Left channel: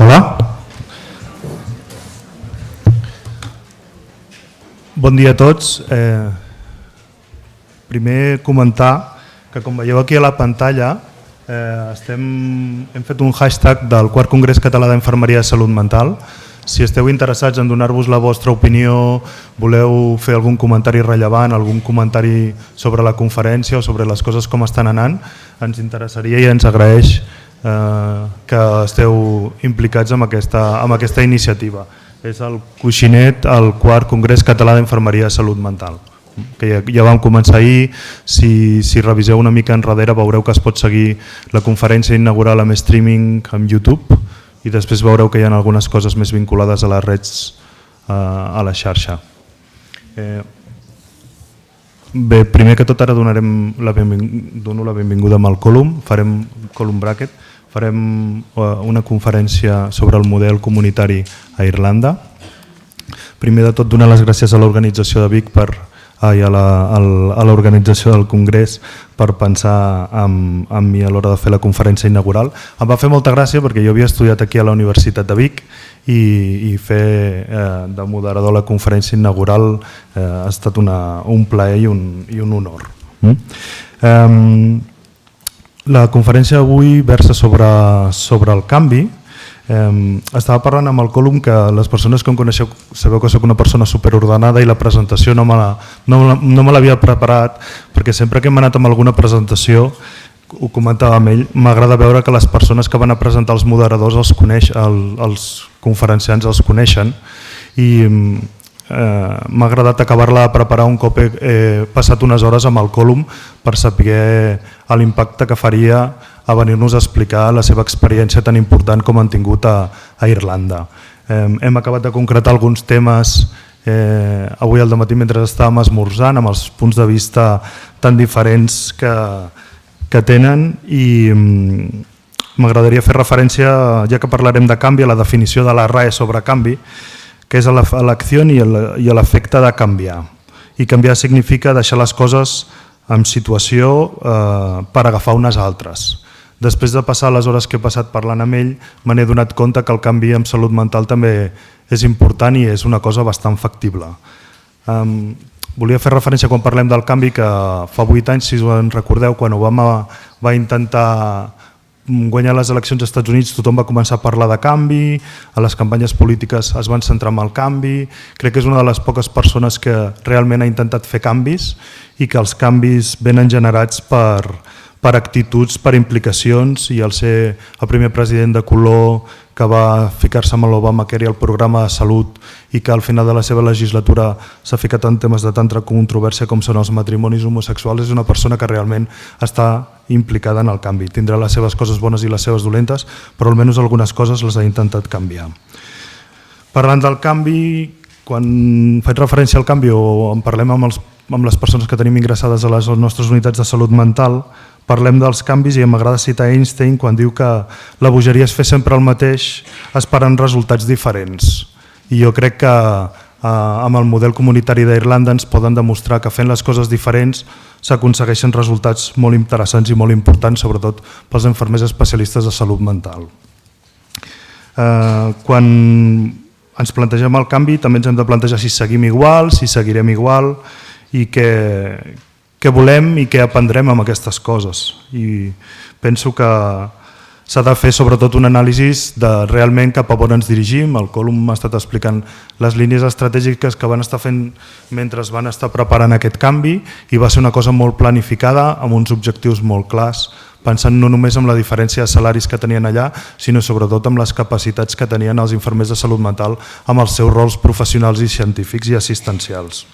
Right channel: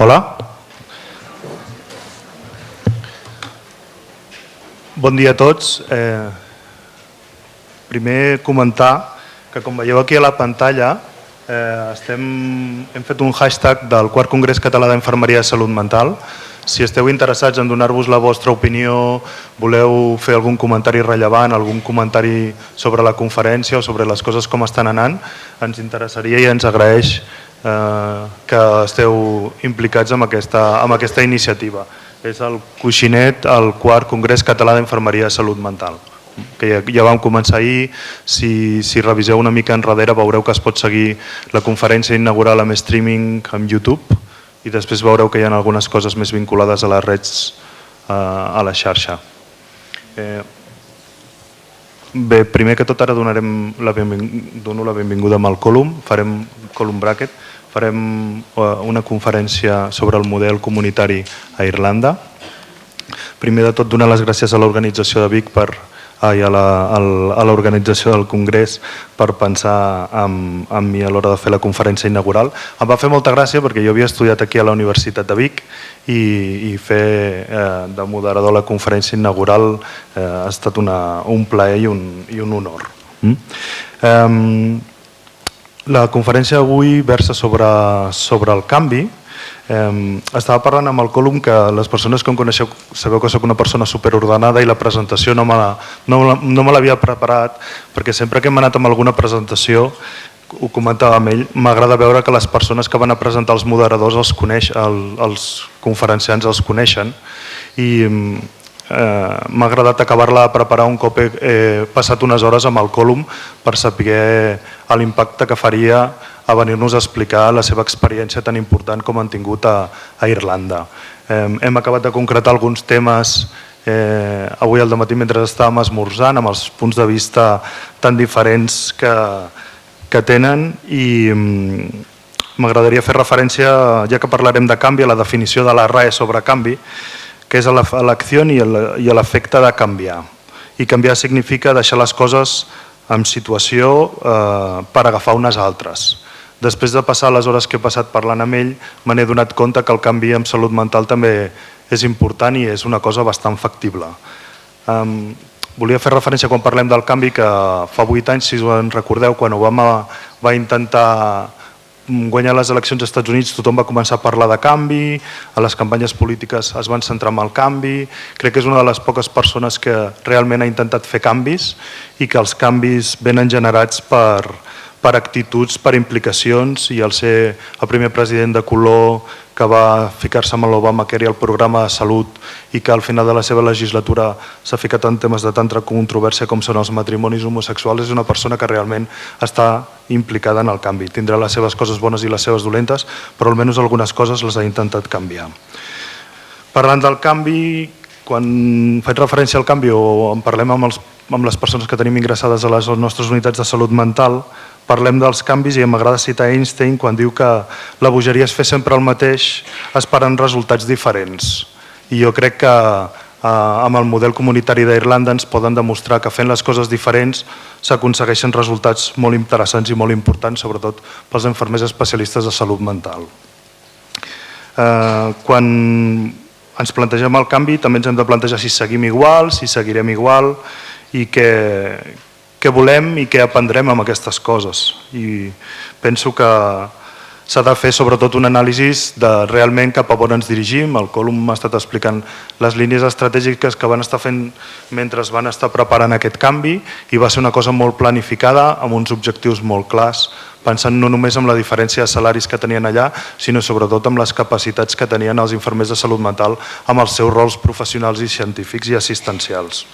Hola. Bon dia a tots. Primer comentar que, com veieu aquí a la pantalla, hem fet un hashtag del Quart Congrés Català d'Infermeria de Salut Mental. Si esteu interessats en donar-vos la vostra opinió, voleu fer algun comentari rellevant, algun comentari sobre la conferència o sobre les coses com estan anant, ens interessaria i ens agraeix que esteu implicats en aquesta iniciativa. És el Coixinet, el Quart Congrés Català d'Infermeria de Salut Mental, que ja vam començar ahir. Si reviseu una mica enrere veureu que es pot seguir la conferència inaugural amb streaming en YouTube i després veureu que hi ha algunes coses més vinculades a les reds a la xarxa. Bé, primer que tot ara dono la benvinguda a Malcolm, farem Column Bracket, farem una conferència sobre el model comunitari a Irlanda. Primer de tot donar les gràcies a l'organització de Vic i a l'organització del Congrés per pensar en mi a l'hora de fer la conferència inaugural. Em va fer molta gràcia perquè jo havia estudiat aquí a la Universitat de Vic i fer de moderador la conferència inaugural ha estat un plaer i un honor. La conferència d'avui versa sobre el canvi. Estava parlant amb el Colum que les persones que em coneixeu sabeu que soc una persona superordenada i la presentació no me l'havia preparat perquè sempre que hem anat amb alguna presentació, ho comentava amb ell, m'agrada veure que les persones que van a presentar els moderadors els conferenciants els coneixen i m'ha agradat acabar-la de preparar un cop he passat unes hores amb el Colum per saber l'impacte que faria a venir-nos a explicar la seva experiència tan important com han tingut a Irlanda. Hem acabat de concretar alguns temes avui al dematí mentre estàvem esmorzant amb els punts de vista tan diferents que tenen i m'agradaria fer referència, ja que parlarem de canvi, a la definició de la RAE sobre canvi, que és l'acció i l'efecte de canviar. I canviar significa deixar les coses en situació per agafar unes altres. Després de passar les hores que he passat parlant amb ell, me n'he donat compte que el canvi en salut mental també és important i és una cosa bastant factible. Volia fer referència quan parlem del canvi que fa 8 anys, si us en recordeu, quan Obama va intentar guanyar les eleccions als Estats Units, tothom va començar a parlar de canvi, a les campanyes polítiques es van centrar en el canvi. Crec que és una de les poques persones que realment ha intentat fer canvis i que els canvis venen generats per actituds, per implicacions, i al ser el primer president de color que va ficar-se amb l'Obamacare i el programa de salut i que al final de la seva legislatura s'ha ficat en temes de tanta controvèrsia com són els matrimonis homosexuals, és una persona que realment està implicada en el canvi. Tindrà les seves coses bones i les seves dolentes, però almenys algunes coses les ha intentat canviar. Parlant del canvi, quan faig referència al canvi o en parlem amb les persones que tenim ingressades a les nostres unitats de salut mental, parlem dels canvis i m'agrada citar Einstein quan diu que la bogeria és fer sempre el mateix esperant resultats diferents. I jo crec que amb el model comunitari d'Irlanda ens poden demostrar que fent les coses diferents s'aconsegueixen resultats molt interessants i molt importants, sobretot pels infermers especialistes de salut mental. Quan ens plantegem el canvi també ens hem de plantejar si seguim igual, si seguirem igual i què volem i què aprendrem amb aquestes coses. I penso que s'ha de fer sobretot un anàlisi de realment cap a on ens dirigim. El Colum m'ha estat explicant les línies estratègiques que van estar fent mentre van estar preparant aquest canvi i va ser una cosa molt planificada amb uns objectius molt clars, pensant no només en la diferència de salaris que tenien allà, sinó sobretot amb les capacitats que tenien els infermers de salut mental amb els seus rols professionals i científics i assistencials.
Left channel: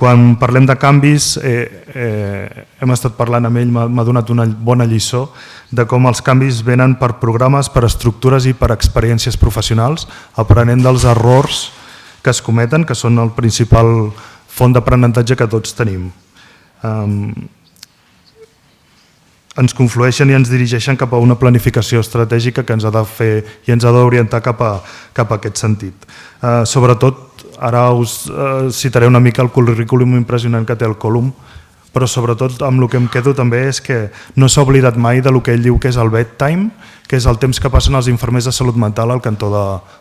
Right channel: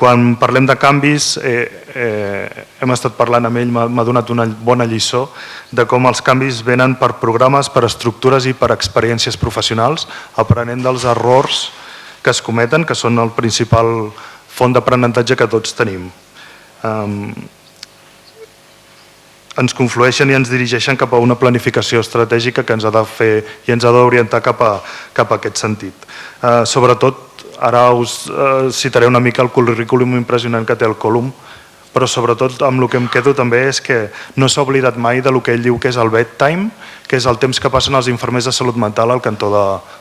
Quan parlem de canvis, hem estat parlant amb ell, m'ha donat una bona lliçó de com els canvis venen per programes, per estructures i per experiències professionals, aprenent dels errors que es cometen, que són el principal font d'aprenentatge que tots tenim. Ens conflueixen i ens dirigeixen cap a una planificació estratègica que ens ha de fer i ens ha d'orientar cap a aquest sentit. Sobretot, ara us citaré una mica el currículum impressionant que té el Colum, però sobretot amb el que em quedo també és que no s'ha oblidat mai del que ell diu que és el bedtime, que és el temps que passen els infermers de salut mental al cantó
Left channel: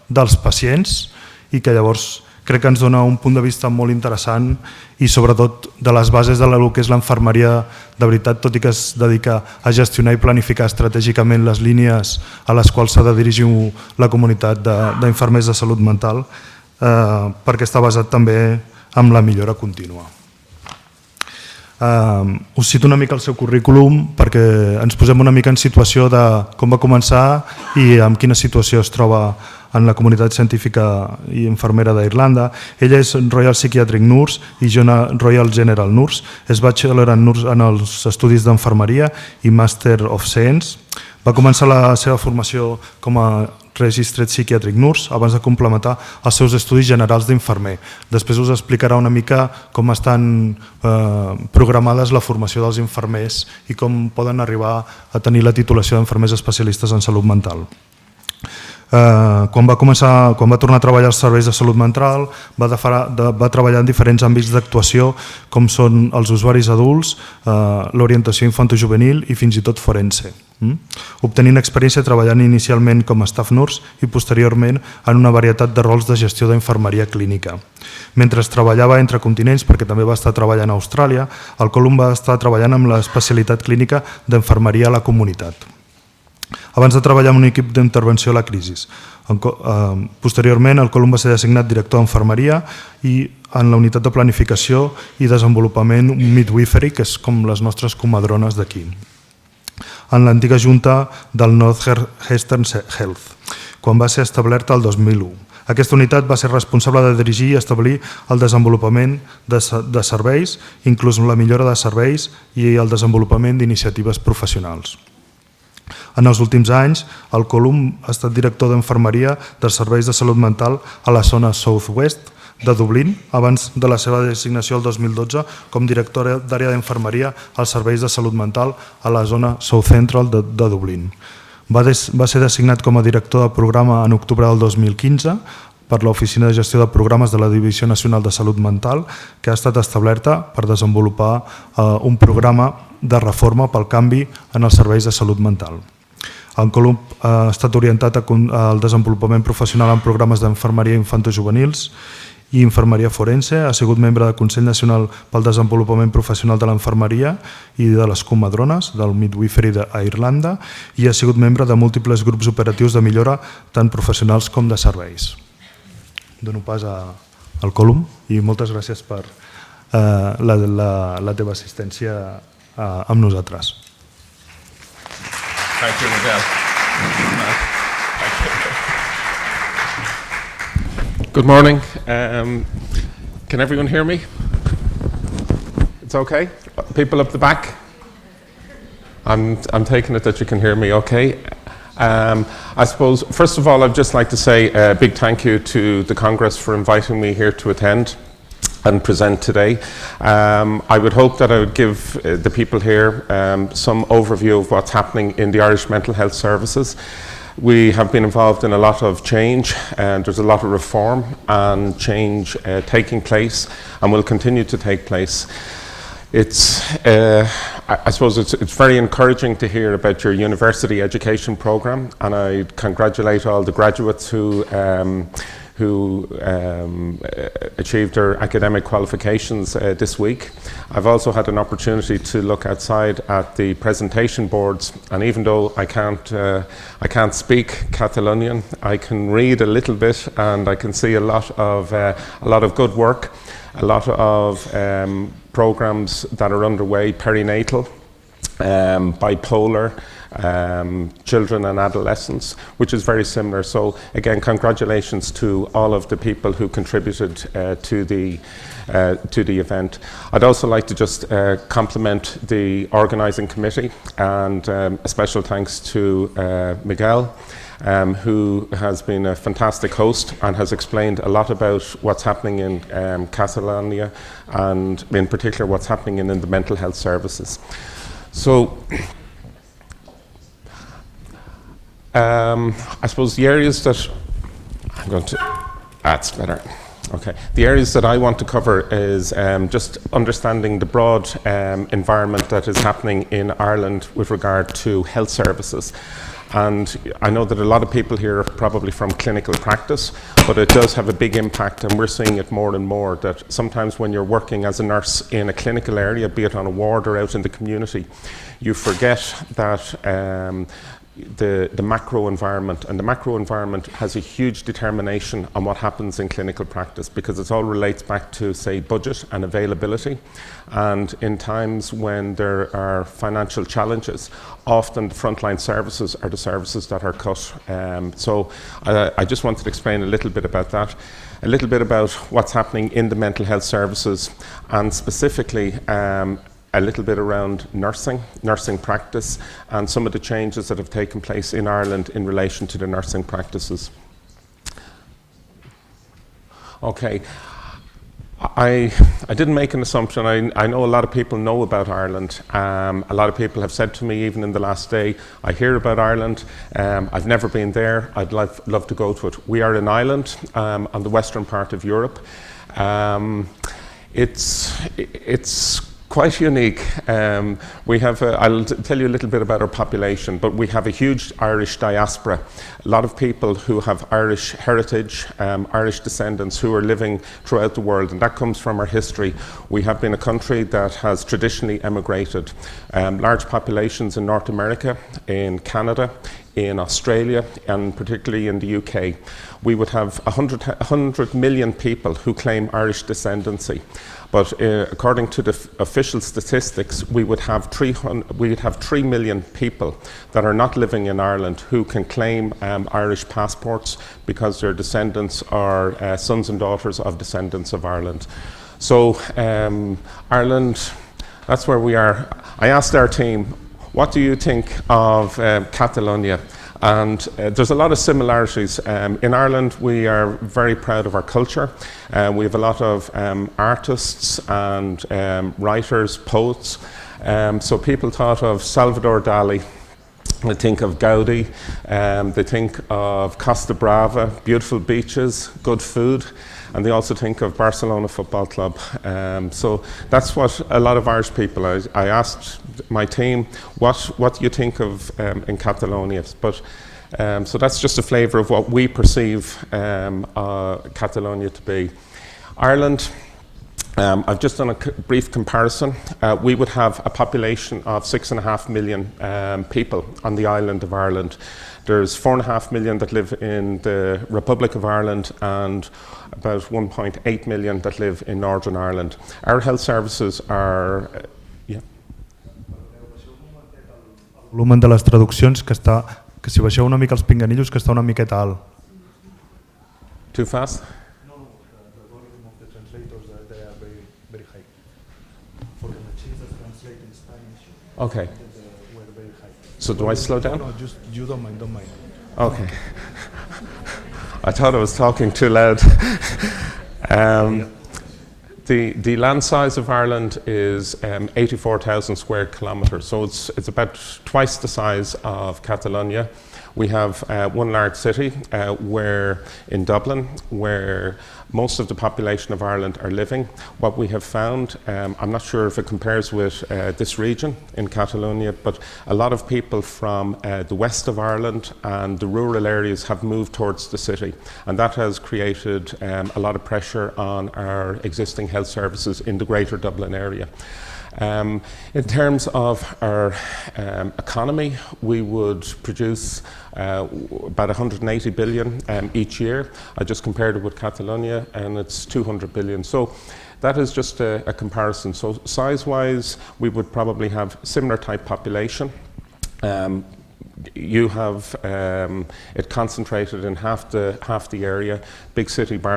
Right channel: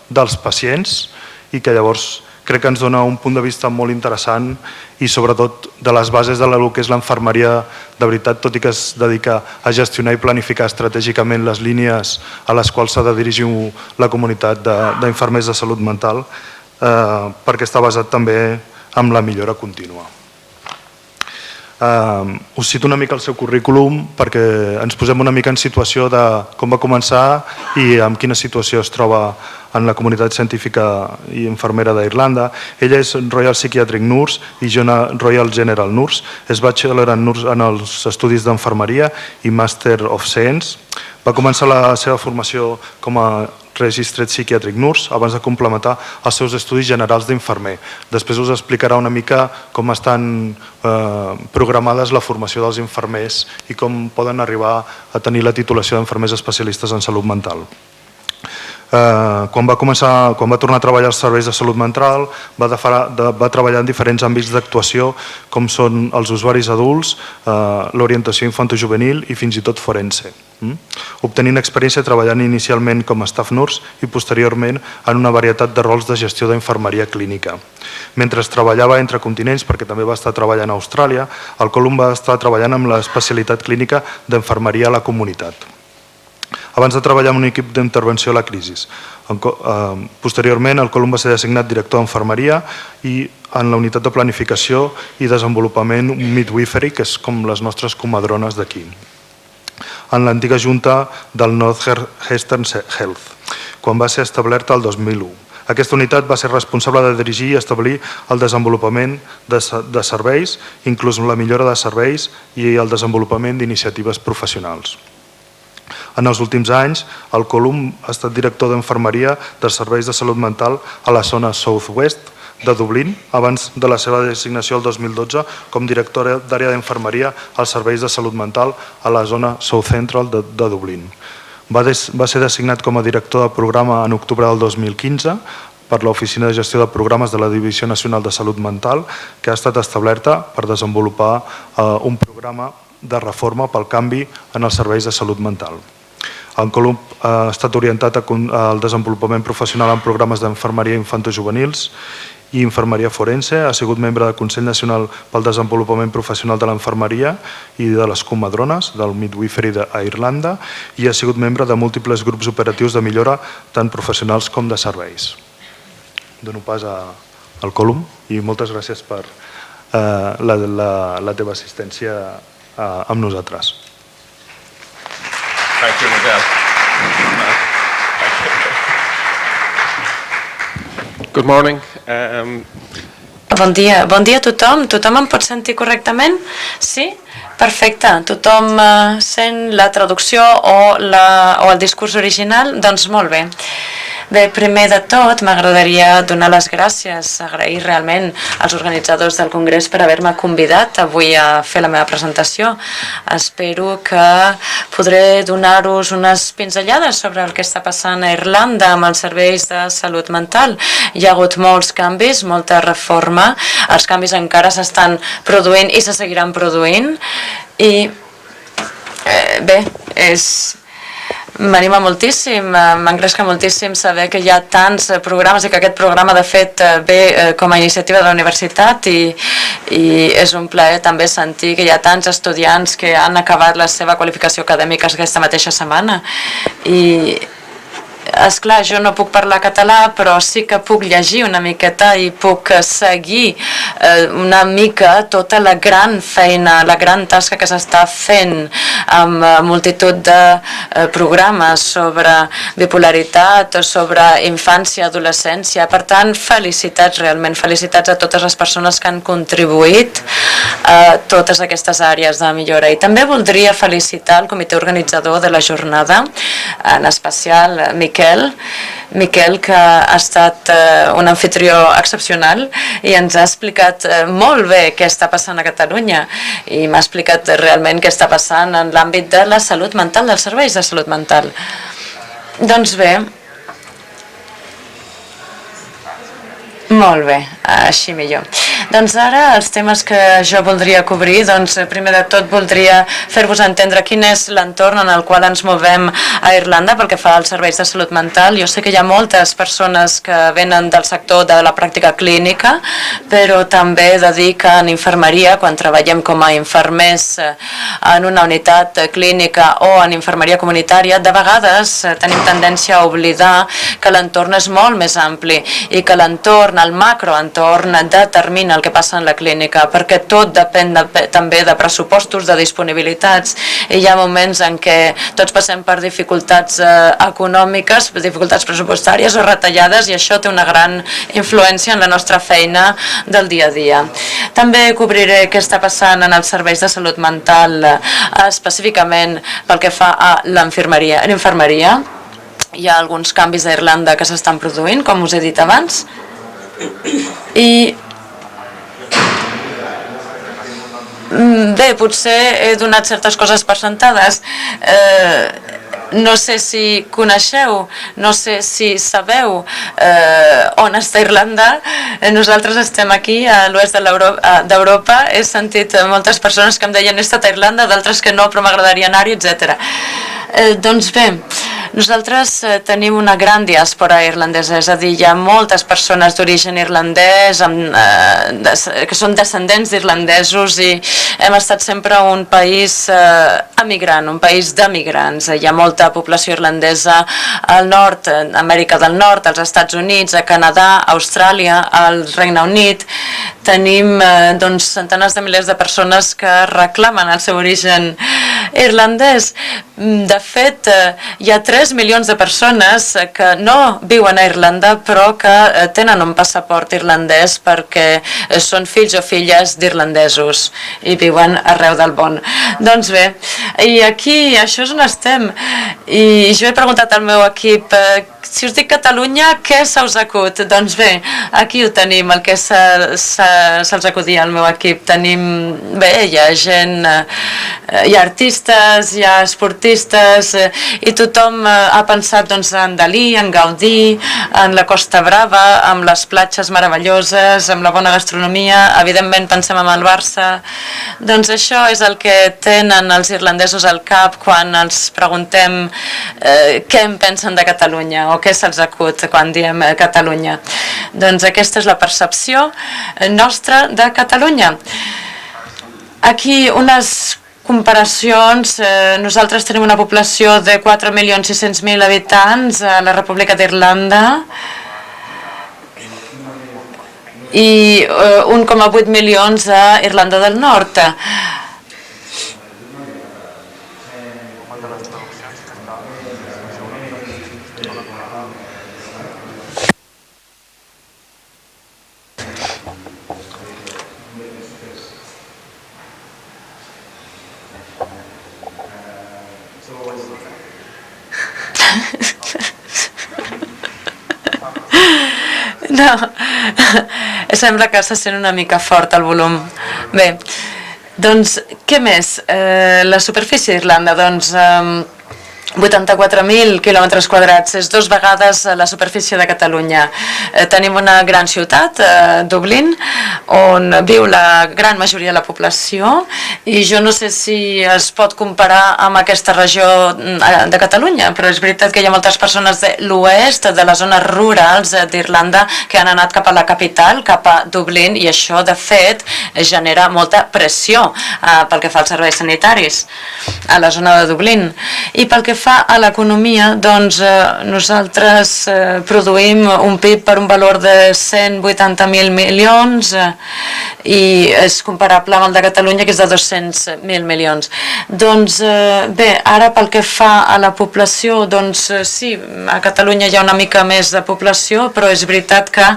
dels pacients i que llavors crec que ens dona un punt de vista molt interessant i sobretot de les bases de lo que és l'enfermeria de veritat, tot i que es dedica a gestionar i planificar estratègicament les línies a les quals s'ha de dirigir la comunitat d'infermers de salut mental, perquè està basat també en la millora contínua. Us cito una mica el seu currículum perquè ens posem una mica en situació de com va començar i en quina situació es troba en la comunitat científica i infermera d'Irlanda. Ella és Royal Psychiatric Nurse i Royal General Nurse. És bachelor en els estudis d'enfermeria i Master of Science. Va començar la seva formació com a Registered Psychiatric Nurse abans de complementar els seus estudis generals d'infermer. Després us explicarà una mica com estan programades la formació dels infermers i com poden arribar a tenir la titulació d'infermers especialistes en salut mental. Quan va tornar a treballar als serveis de salut mental va treballar en diferents àmbits d'actuació com són els usuaris adults, l'orientació infantojuvenil i fins i tot forense, obtenint experiència treballant inicialment com a staff nurse i posteriorment en una varietat de rols de gestió d'infermeria clínica. Mentre treballava entre continents, perquè també va estar treballant a Austràlia, el Colum va estar treballant amb l'especialitat clínica d'infermeria a la comunitat, abans de treballar en un equip d'intervenció a la crisi. Posteriorment, el Colum va ser designat director d'enfermeria i en la unitat de planificació i desenvolupament midwifery, que és com les nostres comadrones d'aquí, en l'antiga junta del Northeastern Health, quan va ser establerta el 2001. Aquesta unitat va ser responsable de dirigir i establir el desenvolupament de serveis, inclús la millora de serveis i el desenvolupament d'iniciatives professionals. En els últims anys, el Colum ha estat director d'enfermeria dels serveis de salut mental a la zona Southwest de Dublín, abans de la seva designació el 2012 com director d'àrea d'infermeria als serveis de salut mental a la zona South Central de Dublín. Va ser designat com a director de programa en octubre del 2015 per l'Oficina de Gestió de Programes de la Divisió Nacional de Salut Mental, que ha estat establerta per desenvolupar un programa de reforma pel canvi en els serveis de salut mental. El Colum ha estat orientat al desenvolupament professional en programes d'enfermeria infantojuvenils i infermeria forense, ha sigut membre del Consell Nacional pel Desenvolupament Professional de l'Enfermeria i de les comadrones del Midwifery d'Irlanda i ha sigut membre de múltiples grups operatius de millora tant professionals com de serveis. Dono pas al Colum i moltes gràcies per la teva assistència amb nosaltres. Thank you, Miguel. Good morning. Bon dia a tothom. Tothom em pot sentir correctament? Sí? Perfecte. Tothom sent la traducció o el discurs original? Doncs molt bé. Bé, primer de tot m'agradaria donar les gràcies, agrair realment als organitzadors del Congrés per haver-me convidat avui a fer la meva presentació. Espero que podré donar-vos unes pinzellades sobre el que està passant a Irlanda amb els serveis de salut mental. Hi ha hagut molts canvis, molta reforma. Els canvis encara s'estan produint i se seguiran produint i m'anima moltíssim, m'engresca moltíssim saber que hi ha tants programes i que aquest programa de fet ve com a iniciativa de la universitat i és un plaer també sentir que hi ha tants estudiants que han acabat la seva qualificació acadèmica aquesta mateixa setmana i esclar, jo no puc parlar català però sí que puc llegir una miqueta i puc seguir una mica tota la gran feina, la gran tasca que s'està fent amb multitud de programes sobre bipolaritat o sobre infància i adolescència. Per tant, felicitats realment, felicitats a totes les persones que han contribuït a totes aquestes àrees de millora. I també voldria felicitar el comitè organitzador de la jornada, en especial Miquel, que ha estat un anfitrió excepcional i ens ha explicat molt bé què està passant a Catalunya i m'ha explicat realment què està passant en l'àmbit de la salut mental, dels serveis de salut mental. Doncs bé, Molt bé, així millor. Doncs ara els temes que jo voldria cobrir, doncs primer de tot voldria fer-vos entendre quin és l'entorn en el qual ens movem a Irlanda pel que fa als serveis de salut mental. Jo sé que hi ha moltes persones que venen del sector de la pràctica clínica, però també dediquen infermeria quan treballem com a infermers en una unitat clínica o en infermeria comunitària. De vegades tenim tendència a oblidar que l'entorn és molt més ampli i que l'entorn, el macroentorn, determina el que passa en la clínica, perquè tot depèn també de pressupostos, de disponibilitats, i hi ha moments en què tots passem per dificultats econòmiques, dificultats pressupostàries o retallades, i això té una gran influència en la nostra feina del dia a dia. També cobriré què està passant en els serveis de salut mental, específicament pel que fa a l'infermeria. Hi ha alguns canvis a Irlanda que s'estan produint, com us he dit abans, i bé, potser he donat certes coses per sentades. No sé si coneixeu, no sé si sabeu on està Irlanda. Nosaltres estem aquí a l'oest d'Europa. He sentit moltes persones que em deien he estat a Irlanda, d'altres que no, però m'agradaria anar-hi, etc. Doncs bé, nosaltres tenim una gran diàspora irlandesa, és a dir, hi ha moltes persones d'origen irlandès, que són descendents d'irlandesos, i hem estat sempre un país emigrant, un país d'emigrants. Hi ha molta població irlandesa al nord, a Amèrica del Nord, als Estats Units, a Canadà, a Austràlia, al Regne Unit. Tenim centenars de milers de persones que reclamen el seu origen irlandès. De fet, hi ha 3 milions de persones que no viuen a Irlanda però que tenen un passaport irlandès perquè són fills o filles d'irlandesos i viuen arreu del món. Doncs bé, i aquí això és on estem. I jo he preguntat al meu equip, si us dic Catalunya, què se us acut? Doncs bé, aquí ho tenim, el que se'ls acudia al meu equip. Tenim, bé, hi ha gent, hi ha artistes, hi ha esportistes, i tothom ha pensat en Dalí, en Gaudí, en la Costa Brava, amb les platges meravelloses, amb la bona gastronomia, evidentment pensem en el Barça. Doncs això és el que tenen els irlandesos al cap quan ens preguntem què en pensen de Catalunya o què se'ls acut quan diem Catalunya. Doncs aquesta és la percepció nostra de Catalunya. Aquí unes comparacions. Nosaltres tenim una població de 4.600.000 habitants a la República d'Irlanda i 1,8 milions a Irlanda del Nord. El volum de les traduccions que si baixeu una mica els pinganillos, que està una miqueta alt. Too fast? Okay. So do I slow down? Okay. I thought I was talking too loud. No, sembla que se sent una mica fort el volum. Bé, doncs què més? La superfície d'Irlanda, doncs 84.000 quilòmetres quadrats, és 2 vegades la superfície de Catalunya. Tenim una gran ciutat, Dublín, on viu la gran majoria de la població, i jo no sé si es pot comparar amb aquesta regió de Catalunya, però és veritat que hi ha moltes persones de l'oest, de les zones rurals d'Irlanda, que han anat cap a la capital, cap a Dublín, i això, de fet, genera molta pressió pel que fa als serveis sanitaris a la zona de Dublín. I pel que fa a l'economia, doncs nosaltres produïm un PIB per un valor de 180.000 milions i és comparable amb el de Catalunya, que és de 200.000 milions. Doncs bé, ara pel que fa a la població, doncs sí, a Catalunya hi ha una mica més de població, però és veritat que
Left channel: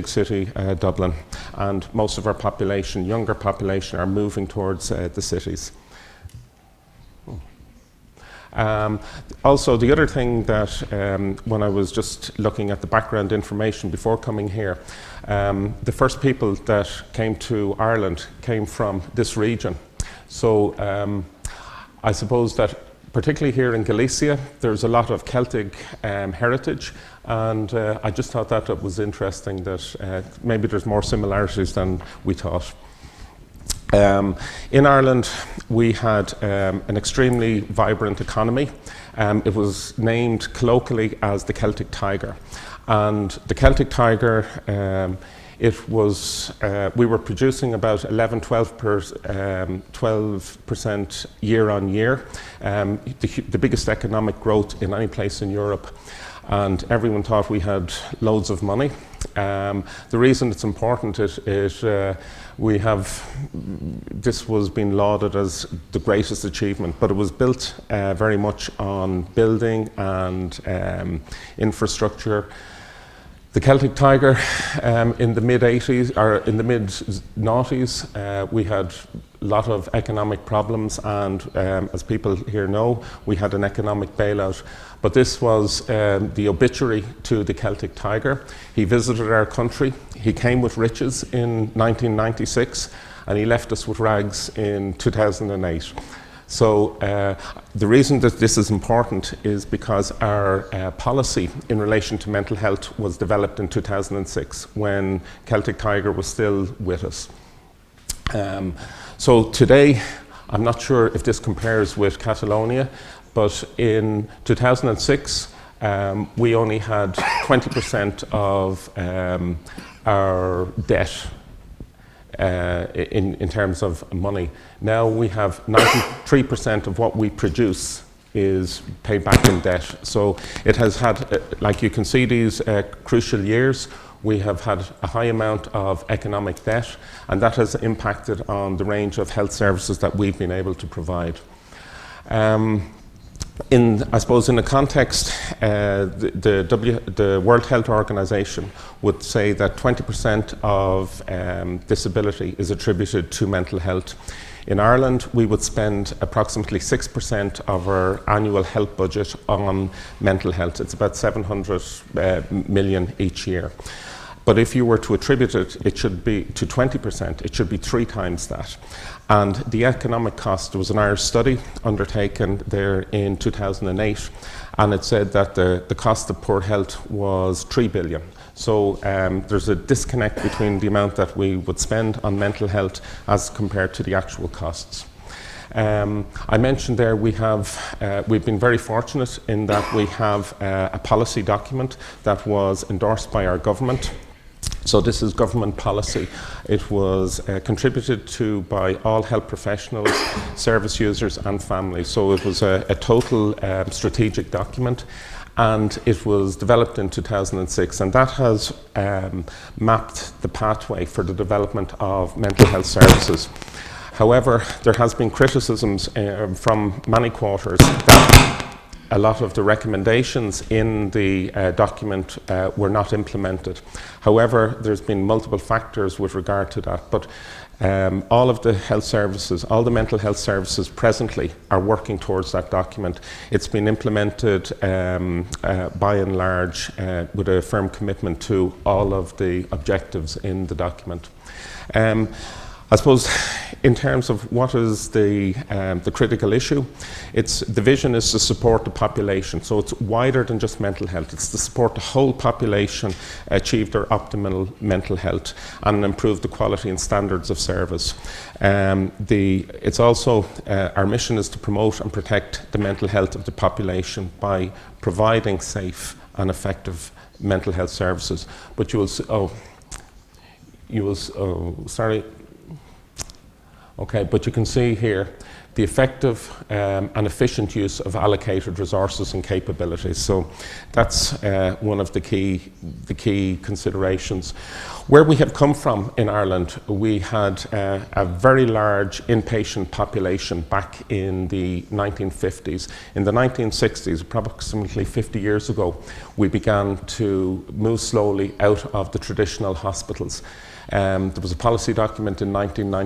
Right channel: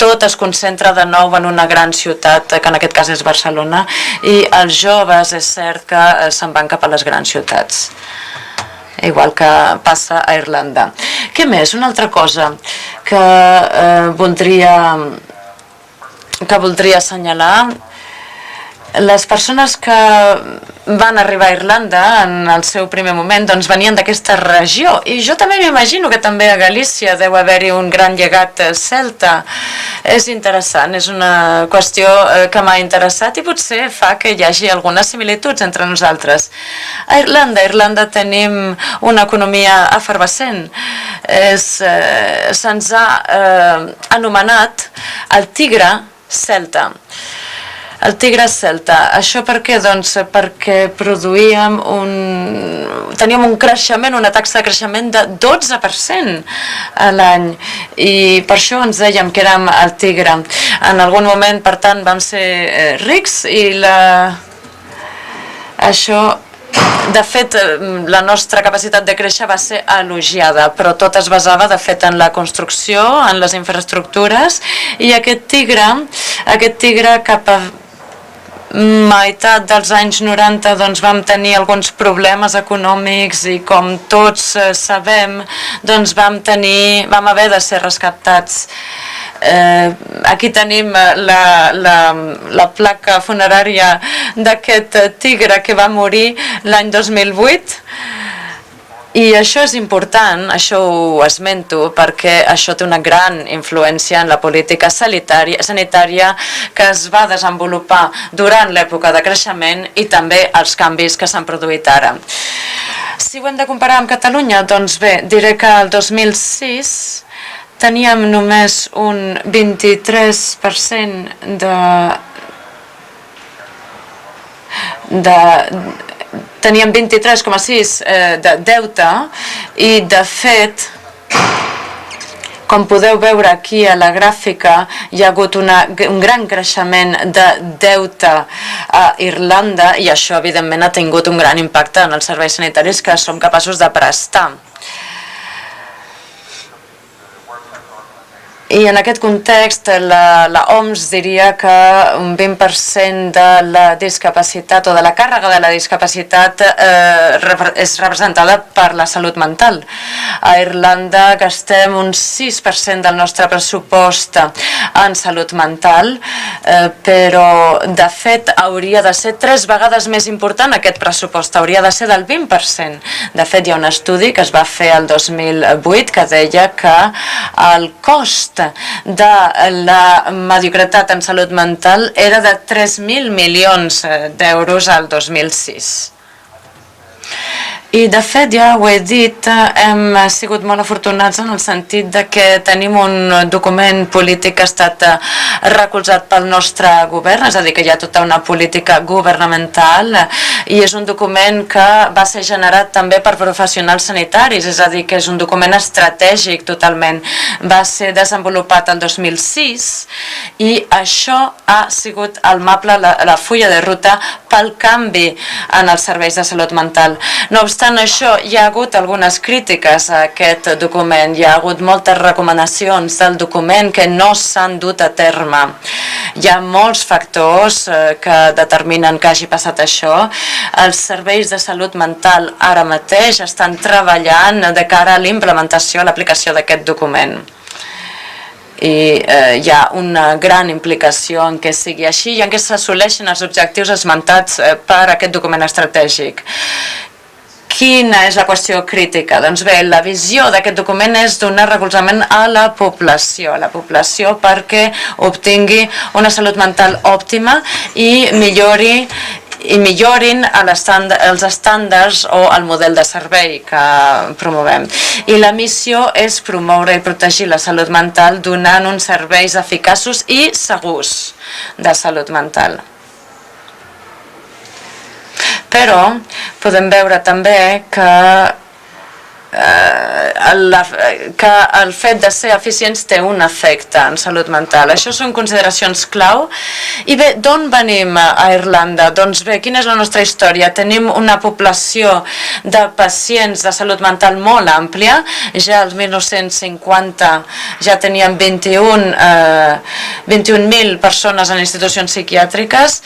tot es concentra de nou en una gran ciutat, que en aquest cas és Barcelona, i els joves és cert que se'n van cap a les grans ciutats. igual que passa a Irlanda. Què més? Una altra cosa que voldria assenyalar: les persones que van arribar a Irlanda en el seu primer moment doncs venien d'aquesta regió, i jo també m'imagino que també a Galícia deu haver-hi un gran llegat celta. És interessant, és una qüestió que m'ha interessat i potser fa que hi hagi algunes similituds entre nosaltres. A Irlanda tenim una economia efervescent. Se'ns ha anomenat el tigre celta. El tigre celta. Això per què? Doncs perquè teníem un creixement, una taxa de creixement de 12% a l'any, i per això ens dèiem que érem el tigre. En algun moment, per tant, vam ser rics, i això, de fet, la nostra capacitat de créixer va ser elogiada, però tot es basava, de fet, en la construcció, en les infraestructures, i aquest tigre cap a meitat dels anys 90 doncs vam tenir alguns problemes econòmics, i com tots sabem doncs vam haver de ser rescatats. Aquí tenim la placa funerària d'aquest tigre que va morir l'any 2008, i això és important, això ho esmento perquè això té una gran influència en la política sanitària que es va desenvolupar durant l'època de creixement i també els canvis que s'han produït ara. Si ho hem de comparar amb Catalunya, doncs bé, diré que el 2006 teníem només un 23% teníem 23,6 de deute, i de fet, com podeu veure aquí a la gràfica, hi ha hagut un gran creixement de deute a Irlanda, i això evidentment ha tingut un gran impacte en els serveis sanitaris que som capaços de prestar. I en aquest context la OMS diria que un 20% de la discapacitat o de la càrrega de la discapacitat és representada per la salut mental. A Irlanda gastem un 6% del nostre pressupost en salut mental, però de fet hauria de ser 3 vegades més important aquest pressupost, hauria de ser del 20%. De fet, hi ha un estudi que es va fer el 2008 que deia que el cost de la mediocritat en salut mental era de 3.000 milions d'euros al 2006. I de fet, ja ho he dit, hem sigut molt afortunats en el sentit de que tenim un document polític que ha estat recolzat pel nostre govern, és a dir, que hi ha tota una política governamental, i és un document que va ser generat també per professionals sanitaris, és a dir, que és un document estratègic totalment. Va ser desenvolupat el 2006 i això ha sigut el mapa, la fulla de ruta pel canvi en els serveis de salut mental. No obstant això, hi ha hagut algunes crítiques a aquest document, hi ha hagut moltes recomanacions del document que no s'han dut a terme. Hi ha molts factors que determinen que hagi passat això. Els serveis de salut mental ara mateix estan treballant de cara a l'implementació, a l'aplicació d'aquest document. I hi ha una gran implicació en què sigui així i en què s'assoleixen els objectius esmentats per aquest document estratègic. Quina és la qüestió crítica? Doncs bé, la visió d'aquest document és donar recolzament a la població perquè obtingui una salut mental òptima i millorin els estàndards o el model de servei que promovem. I la missió és promoure i protegir la salut mental donant uns serveis eficaços i segurs de salut mental. Però podem veure també que el fet de ser eficients té un efecte en salut mental. Això són consideracions clau. I bé, d'on venim a Irlanda? Doncs bé, quina és la nostra història? Tenim una població de pacients de salut mental molt àmplia. Ja al 1950 ja teníem 21.000 persones en institucions psiquiàtriques.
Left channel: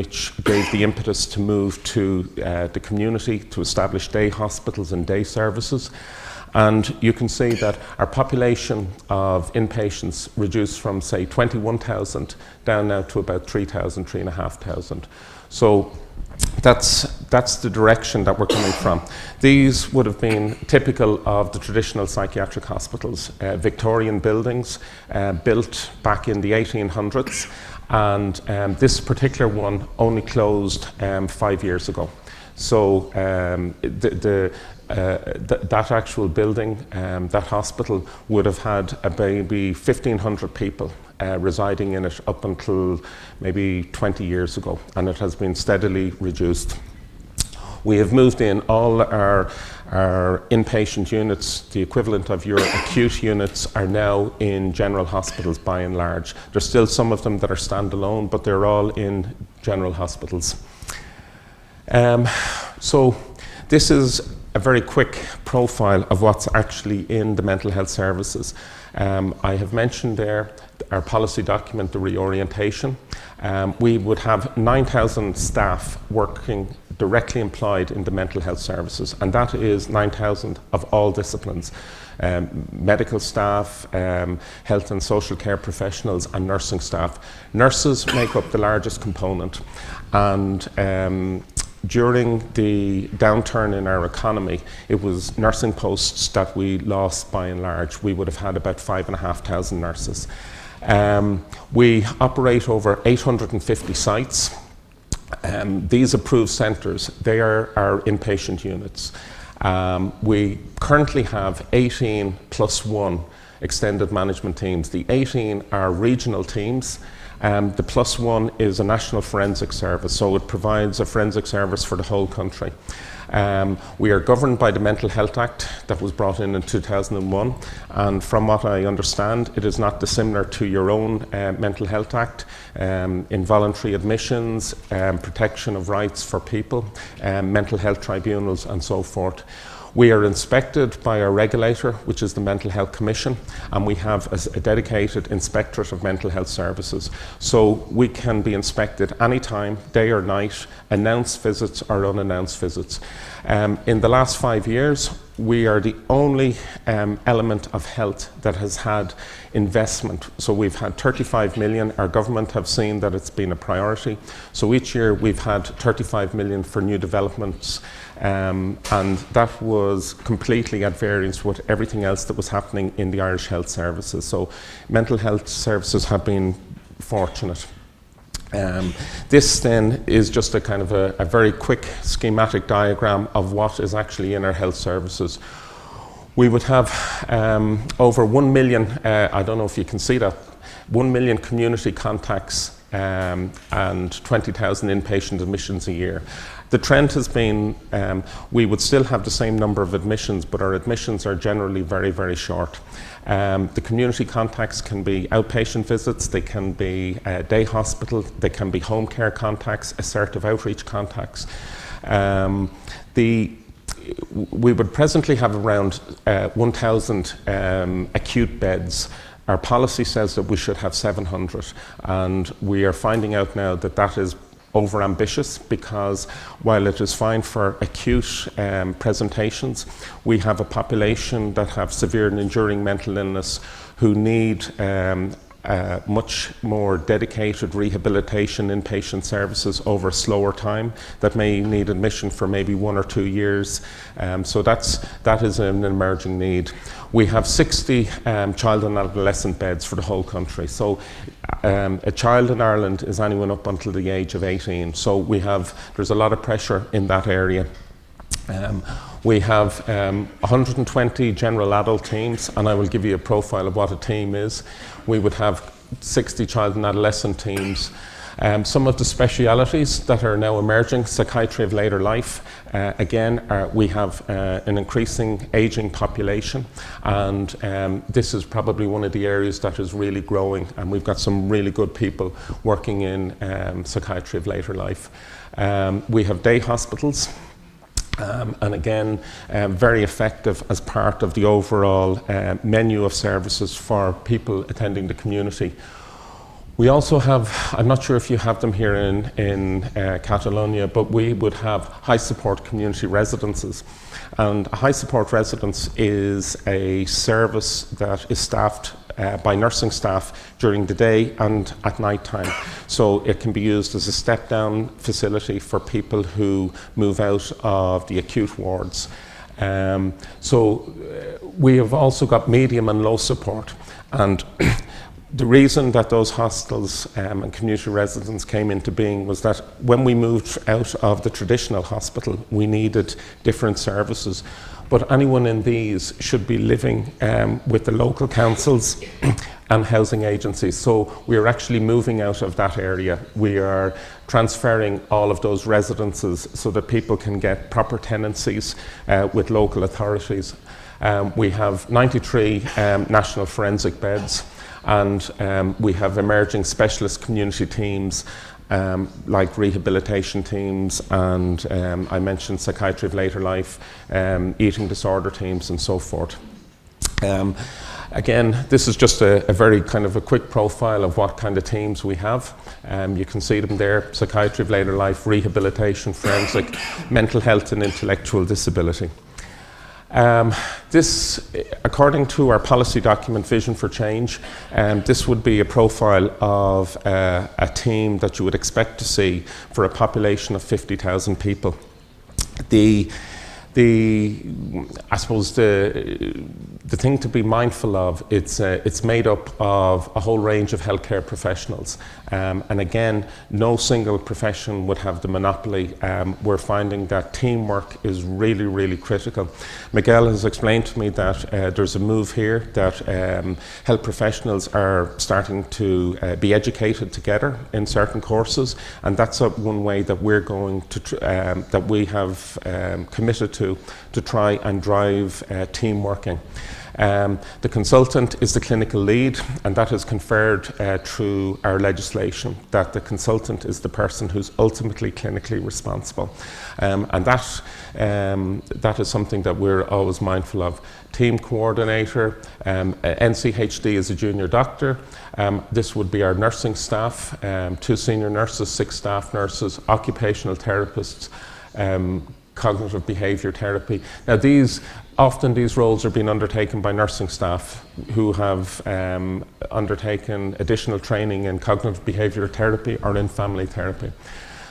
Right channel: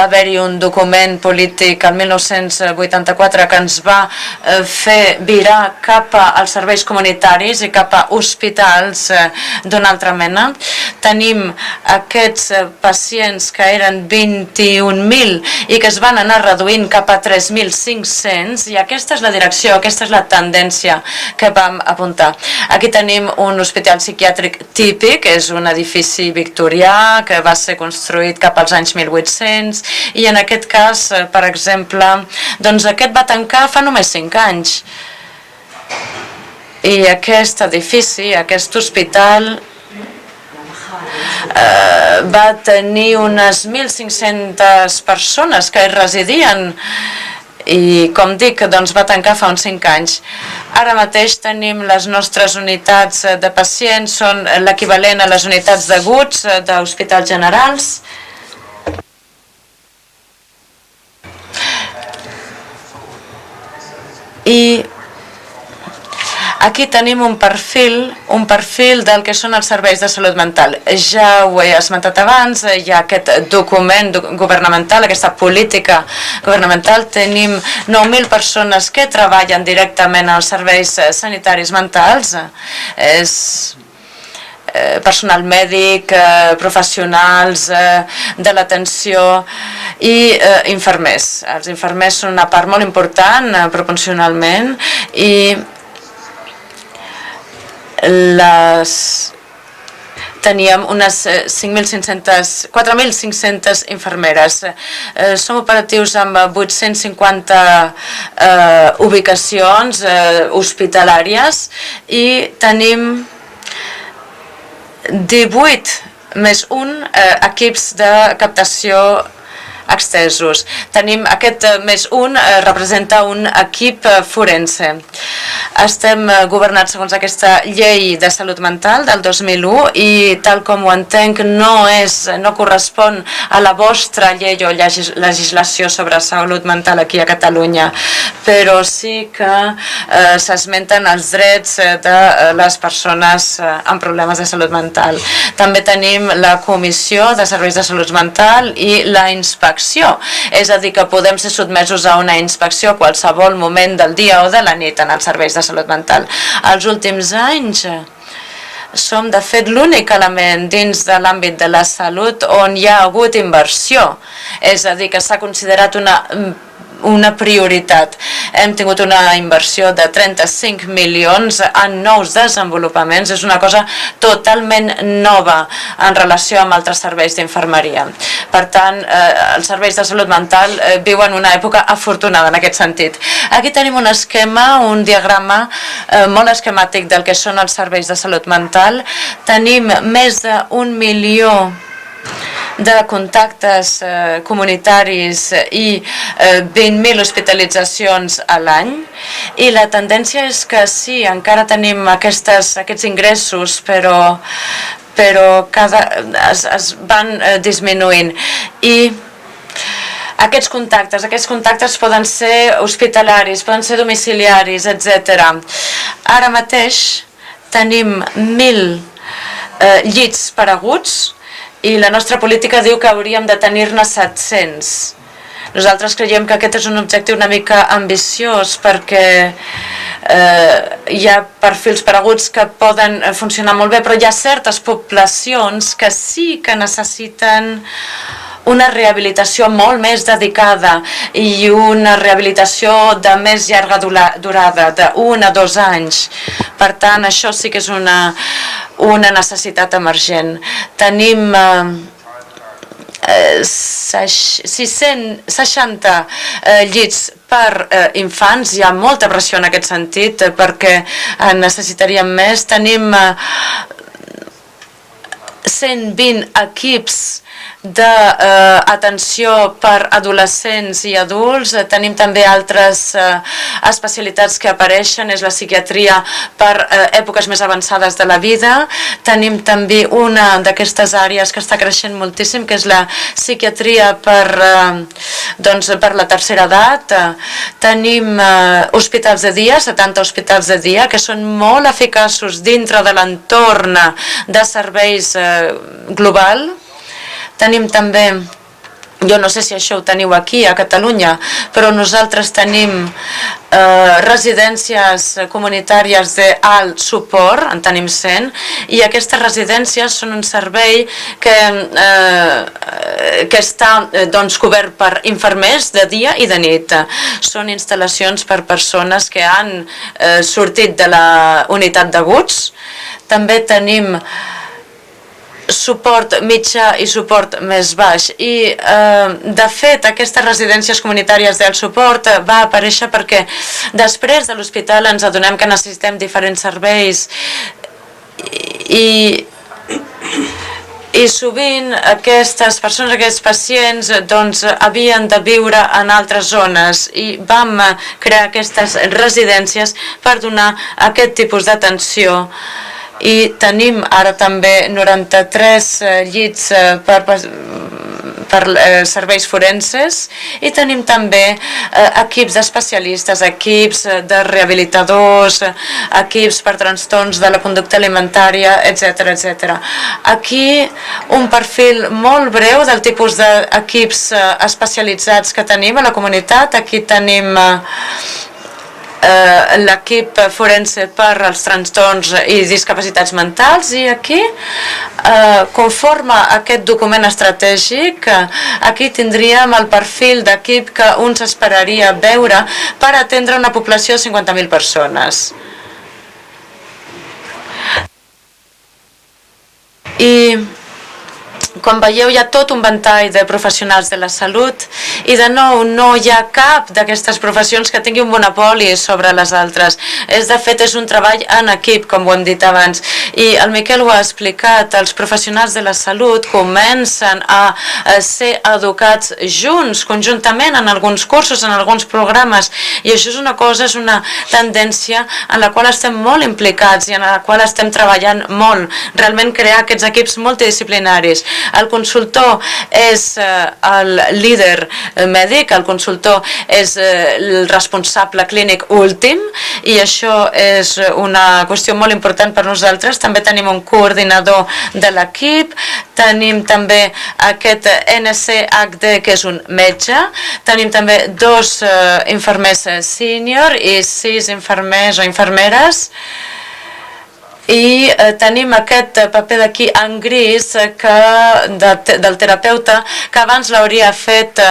Va haver-hi un document polític dic, el 1984, que ens va fer virar cap als serveis comunitaris i cap a hospitals d'una altra mena. Tenim aquests pacients que eren 21.000 i que es van anar reduint cap a 3.500, i aquesta és la direcció, aquesta és la tendència que vam apuntar. Aquí tenim un hospital psiquiàtric típic, és un edifici victorià que va ser construït cap als anys 1800, i en aquest cas, per exemple, doncs aquest va tancar fa només 5 anys. I aquest edifici, aquest hospital, va tenir unes 1.500 persones que hi residien, i com dic, doncs va tancar fa uns 5 anys. Ara mateix tenim les nostres unitats de pacients, són l'equivalent a les unitats d'aguts d'hospitals generals. I aquí tenim un perfil del que són els serveis de salut mental. Ja ho he esmentat abans, hi ha aquest document governamental, aquesta política governamental. Tenim 9.000 persones que treballen directament als serveis sanitaris mentals. És personal mèdic, professionals de l'atenció i infermers. Els infermers són una part molt important proporcionalment, i teníem unes 4.500 infermeres. Som operatius amb 850 ubicacions hospitalàries i tenim 18 més un equips de captació extesos. Tenim aquest més un, representa un equip forense. Estem governats segons aquesta llei de salut mental del 2001 i, tal com ho entenc, no correspon a la vostra llei o legislació sobre salut mental aquí a Catalunya, però sí que s'esmenten els drets de les persones amb problemes de salut mental. També tenim la Comissió de Serveis de Salut Mental i la inspecció, és a dir, que podem ser sotmesos a una inspecció a qualsevol moment del dia o de la nit en els serveis de salut mental. Els últims anys som, de fet, l'únic element dins de l'àmbit de la salut on hi ha hagut inversió, és a dir, que s'ha considerat una prioritat. Hem tingut una inversió de 35 milions en nous desenvolupaments. És una cosa totalment nova en relació amb altres serveis d'infermeria. Per tant, els serveis de salut mental viuen una època afortunada en aquest sentit. Aquí tenim un esquema, un diagrama molt esquemàtic del que són els serveis de salut mental. Tenim més d'1 milió de contactes comunitaris i 20.000 hospitalitzacions a l'any, i la tendència és que sí, encara tenim aquests ingressos, però es van disminuint. I aquests contactes poden ser hospitalaris, poden ser domiciliaris, etc. Ara mateix tenim 1.000 llits per aguts i la nostra política diu que hauríem de tenir-ne 700. Nosaltres creiem que aquest és un objectiu una mica ambiciós, perquè hi ha perfils per aguts que poden funcionar molt bé, però hi ha certes poblacions que sí que necessiten una rehabilitació molt més dedicada i una rehabilitació de més llarga durada, d'1 a 2 anys. Per tant, això sí que és una necessitat emergent. Tenim 660 llits per infants, hi ha molta pressió en aquest sentit, perquè en necessitaríem més. Tenim 120 equips d'atenció per adolescents i adults. Tenim també altres especialitats que apareixen, és la psiquiatria per èpoques més avançades de la vida. Tenim també una d'aquestes àrees que està creixent moltíssim, que és la psiquiatria per la tercera edat. Tenim hospitals de dia, 70 hospitals de dia, que són molt eficaços dintre de l'entorn de serveis global. Tenim també, jo no sé si això ho teniu aquí a Catalunya, però nosaltres tenim residències comunitàries d'alt suport, en tenim 100, i aquestes residències són un servei que està cobert per infermers de dia i de nit. Són instal·lacions per persones que han sortit de la unitat d'aguts. També tenim suport mitjà i suport més baix. I, de fet, aquestes residències comunitàries del suport va aparèixer perquè després de l'hospital ens adonem que necessitem diferents serveis i sovint aquestes persones, aquests pacients, havien de viure en altres zones i vam crear aquestes residències per donar aquest tipus d'atenció. I tenim ara també 93 llits per serveis forenses i tenim també equips d'especialistes, equips de rehabilitadors, equips per trastorns de la conducta alimentària, etc. Aquí un perfil molt breu del tipus d'equips especialitzats que tenim a la comunitat. Aquí tenim l'equip forense per als trastorns i discapacitats mentals i aquí, conforme aquest document estratègic, aquí tindríem el perfil d'equip que un s'esperaria veure per atendre una població de 50.000 persones. I com veieu hi ha tot un ventall de professionals de la salut i de nou no hi ha cap d'aquestes professions que tingui un monopoli sobre les altres. De fet és un treball en equip, com ho hem dit abans, i el Miquel ho ha explicat, els professionals de la salut comencen a ser educats junts, conjuntament en alguns cursos, en alguns programes, i això és una cosa, és una tendència en la qual estem molt implicats i en la qual estem treballant molt, realment crear aquests equips multidisciplinaris. El consultor és el líder mèdic, el consultor és el responsable clínic últim i això és una qüestió molt important per nosaltres. També tenim un coordinador de l'equip, tenim també aquest NCHD que és un metge, tenim també 2 infermers sènior i 6 infermers o infermeres i tenim aquest paper d'aquí en gris del terapeuta que abans l'hauria fet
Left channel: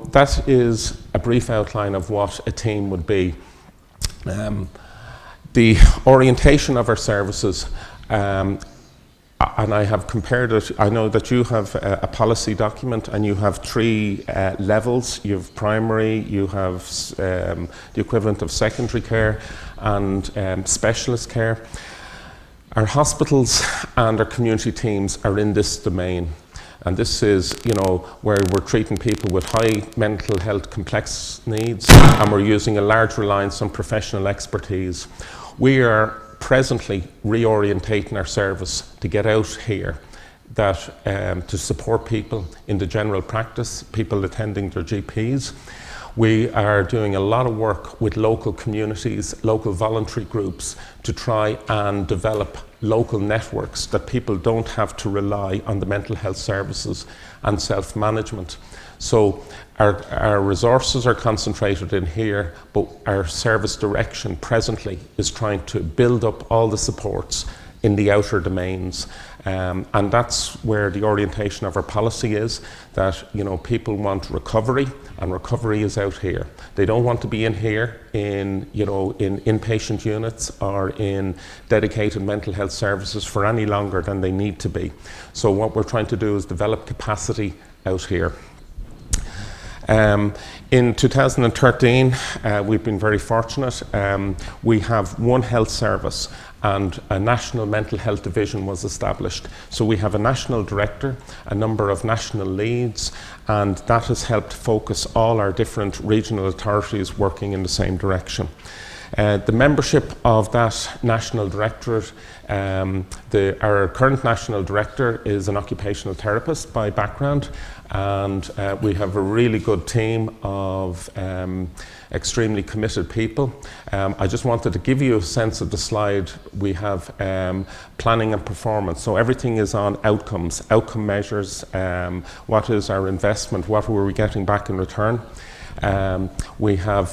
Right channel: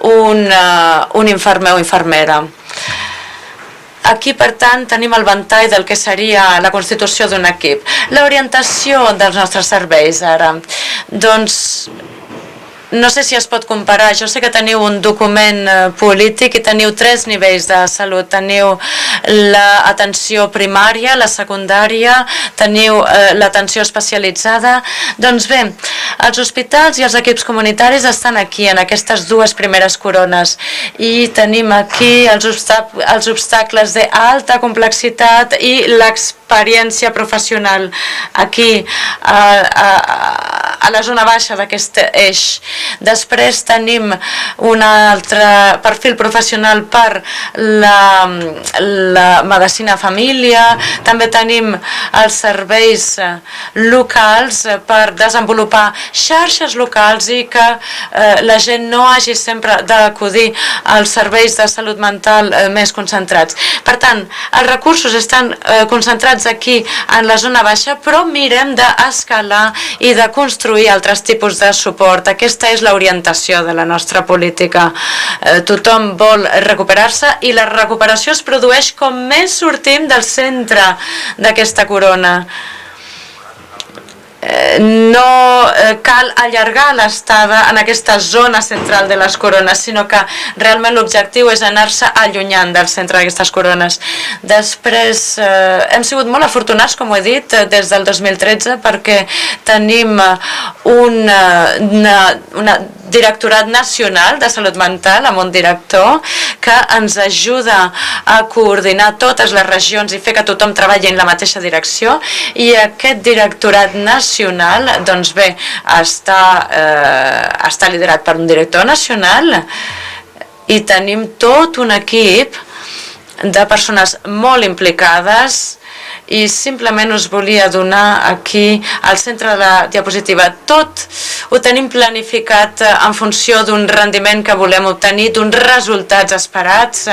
un infermer o infermera. Aquí, per tant, tenim el ventall del que seria la constitució d'un equip. L'orientació dels nostres serveis, ara. Doncs, no sé si es pot comparar. Jo sé que teniu un document polític i teniu 3 nivells de salut. Teniu l'atenció primària, la secundària, teniu l'atenció especialitzada. Doncs bé, els hospitals i els equips comunitaris estan aquí, en aquestes 2 primeres corones. I tenim aquí els obstacles d'alta complexitat i l'experiència professional aquí a la zona baixa d'aquest eix. Després tenim un altre perfil professional per la medicina família, també tenim els serveis locals per desenvolupar xarxes locals i que la gent no hagi sempre d'acudir als serveis de salut mental més concentrats. Per tant, els recursos estan concentrats aquí en la zona baixa, però mirem d'escalar i de construir altres tipus de suport. Aquesta és l'orientació de la nostra política. Tothom vol recuperar-se i la recuperació es produeix com més sortim del centre d'aquesta corona. No cal allargar l'estada en aquesta zona central de les corones, sinó que realment l'objectiu és anar-se allunyant del centre d'aquestes corones. Després, hem sigut molt afortunats, com ho he dit, des del 2013, perquè tenim un directorat nacional de salut mental amb un director que ens ajuda a coordinar totes les regions i fer que tothom treballi en la mateixa direcció, i aquest directorat nacional, doncs bé, està liderat per un director nacional i tenim tot un equip de de persones molt implicades i simplement us volia donar aquí al centre de la diapositiva. Tot ho tenim planificat en funció d'un rendiment que volem obtenir, d'uns resultats esperats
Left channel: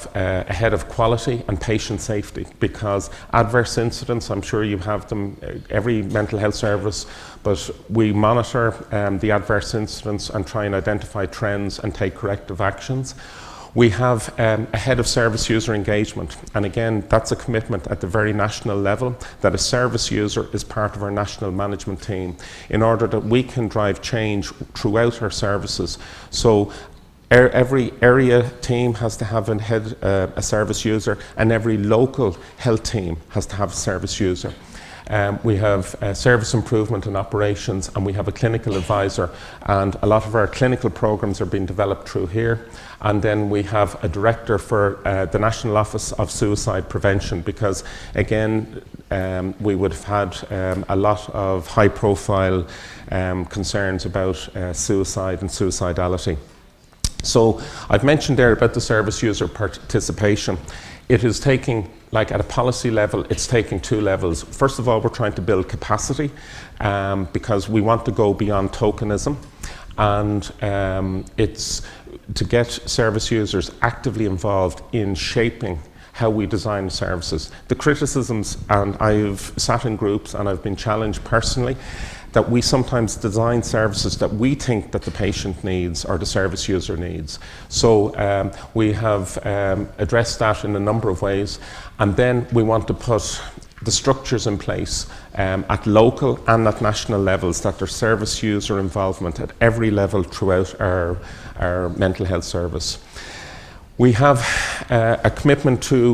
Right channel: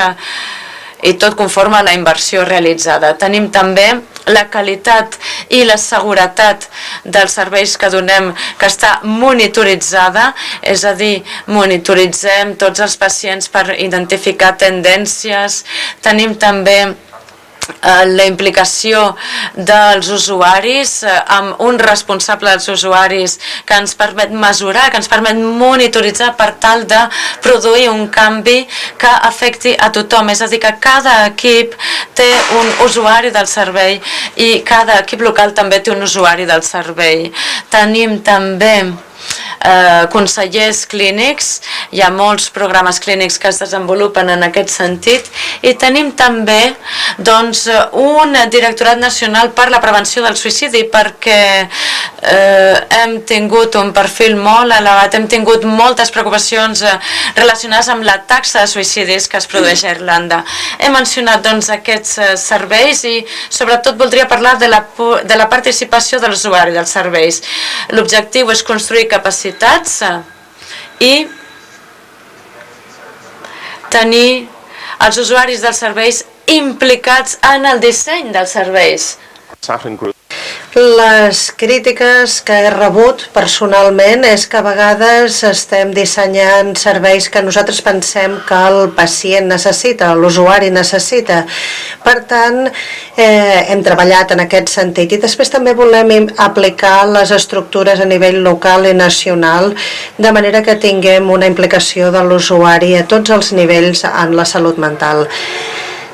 i tot conforme a la inversió realitzada. Tenim també la qualitat i la seguretat dels serveis que donem, que està monitoritzada, és a dir, monitoritzem tots els pacients per identificar tendències. Tenim també la implicació dels usuaris amb un responsable dels usuaris que ens permet mesurar, que ens permet monitoritzar per tal de produir un canvi que afecti a tothom. És a dir, que cada equip té un usuari del servei i cada equip local també té un usuari del servei. Tenim també consellers clínics, hi ha molts programes clínics que es desenvolupen en aquest sentit i tenim també un directorat nacional per la prevenció del suïcidi perquè hem tingut un perfil molt elevat, hem tingut moltes preocupacions relacionades amb la taxa de suïcidis que es produeix a Irlanda. He mencionat aquests serveis i sobretot voldria parlar de la participació de l'usuari dels serveis. L'objectiu és construir capacitats i tenir els usuaris dels serveis implicats en el disseny dels serveis. Les crítiques que he rebut personalment és que a vegades estem dissenyant serveis que nosaltres pensem que el pacient necessita, l'usuari necessita. Per tant, hem treballat en aquest sentit i després també volem aplicar les estructures a nivell local i nacional de manera que tinguem una implicació de l'usuari a tots els nivells en la salut mental.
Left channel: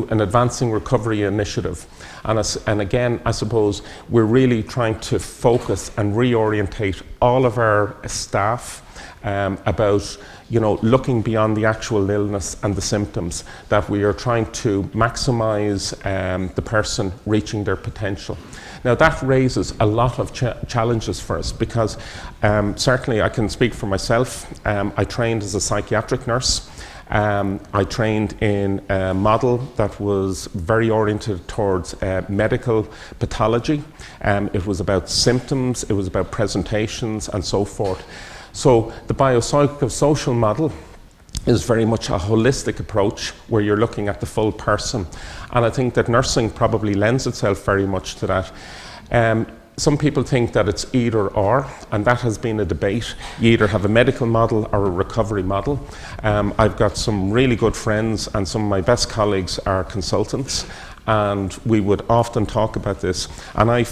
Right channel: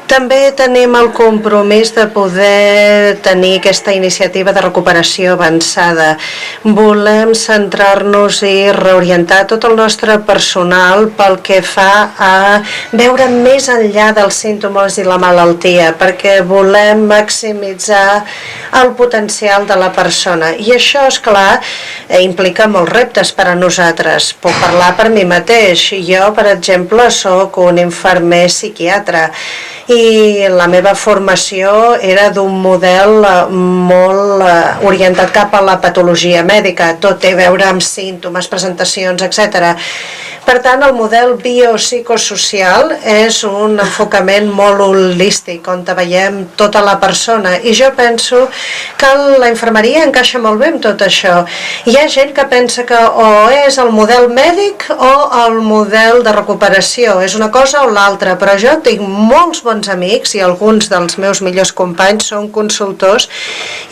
També tenim el compromís de poder tenir aquesta iniciativa de recuperació avançada. Volem centrar-nos i reorientar tot el nostre personal pel que fa a veure més enllà dels símptomes i la malaltia, perquè volem maximitzar el potencial de la persona. I això, és clar, implica molts reptes per a nosaltres. Puc parlar per mi mateix. Jo, per exemple, soc un infermer psiquiatre i la meva formació era d'un model molt orientat cap a la patologia mèdica. Tot té a veure amb símptomes, presentacions, etc. Per tant, el model biopsicosocial és un enfocament molt holístic, on veiem tota la persona. I jo penso que la infermeria encaixa molt bé amb tot això. Hi ha gent que pensa que o és el model mèdic o el model de recuperació, és una cosa o l'altra, però jo tinc molts bons amics i alguns dels meus millors companys són consultors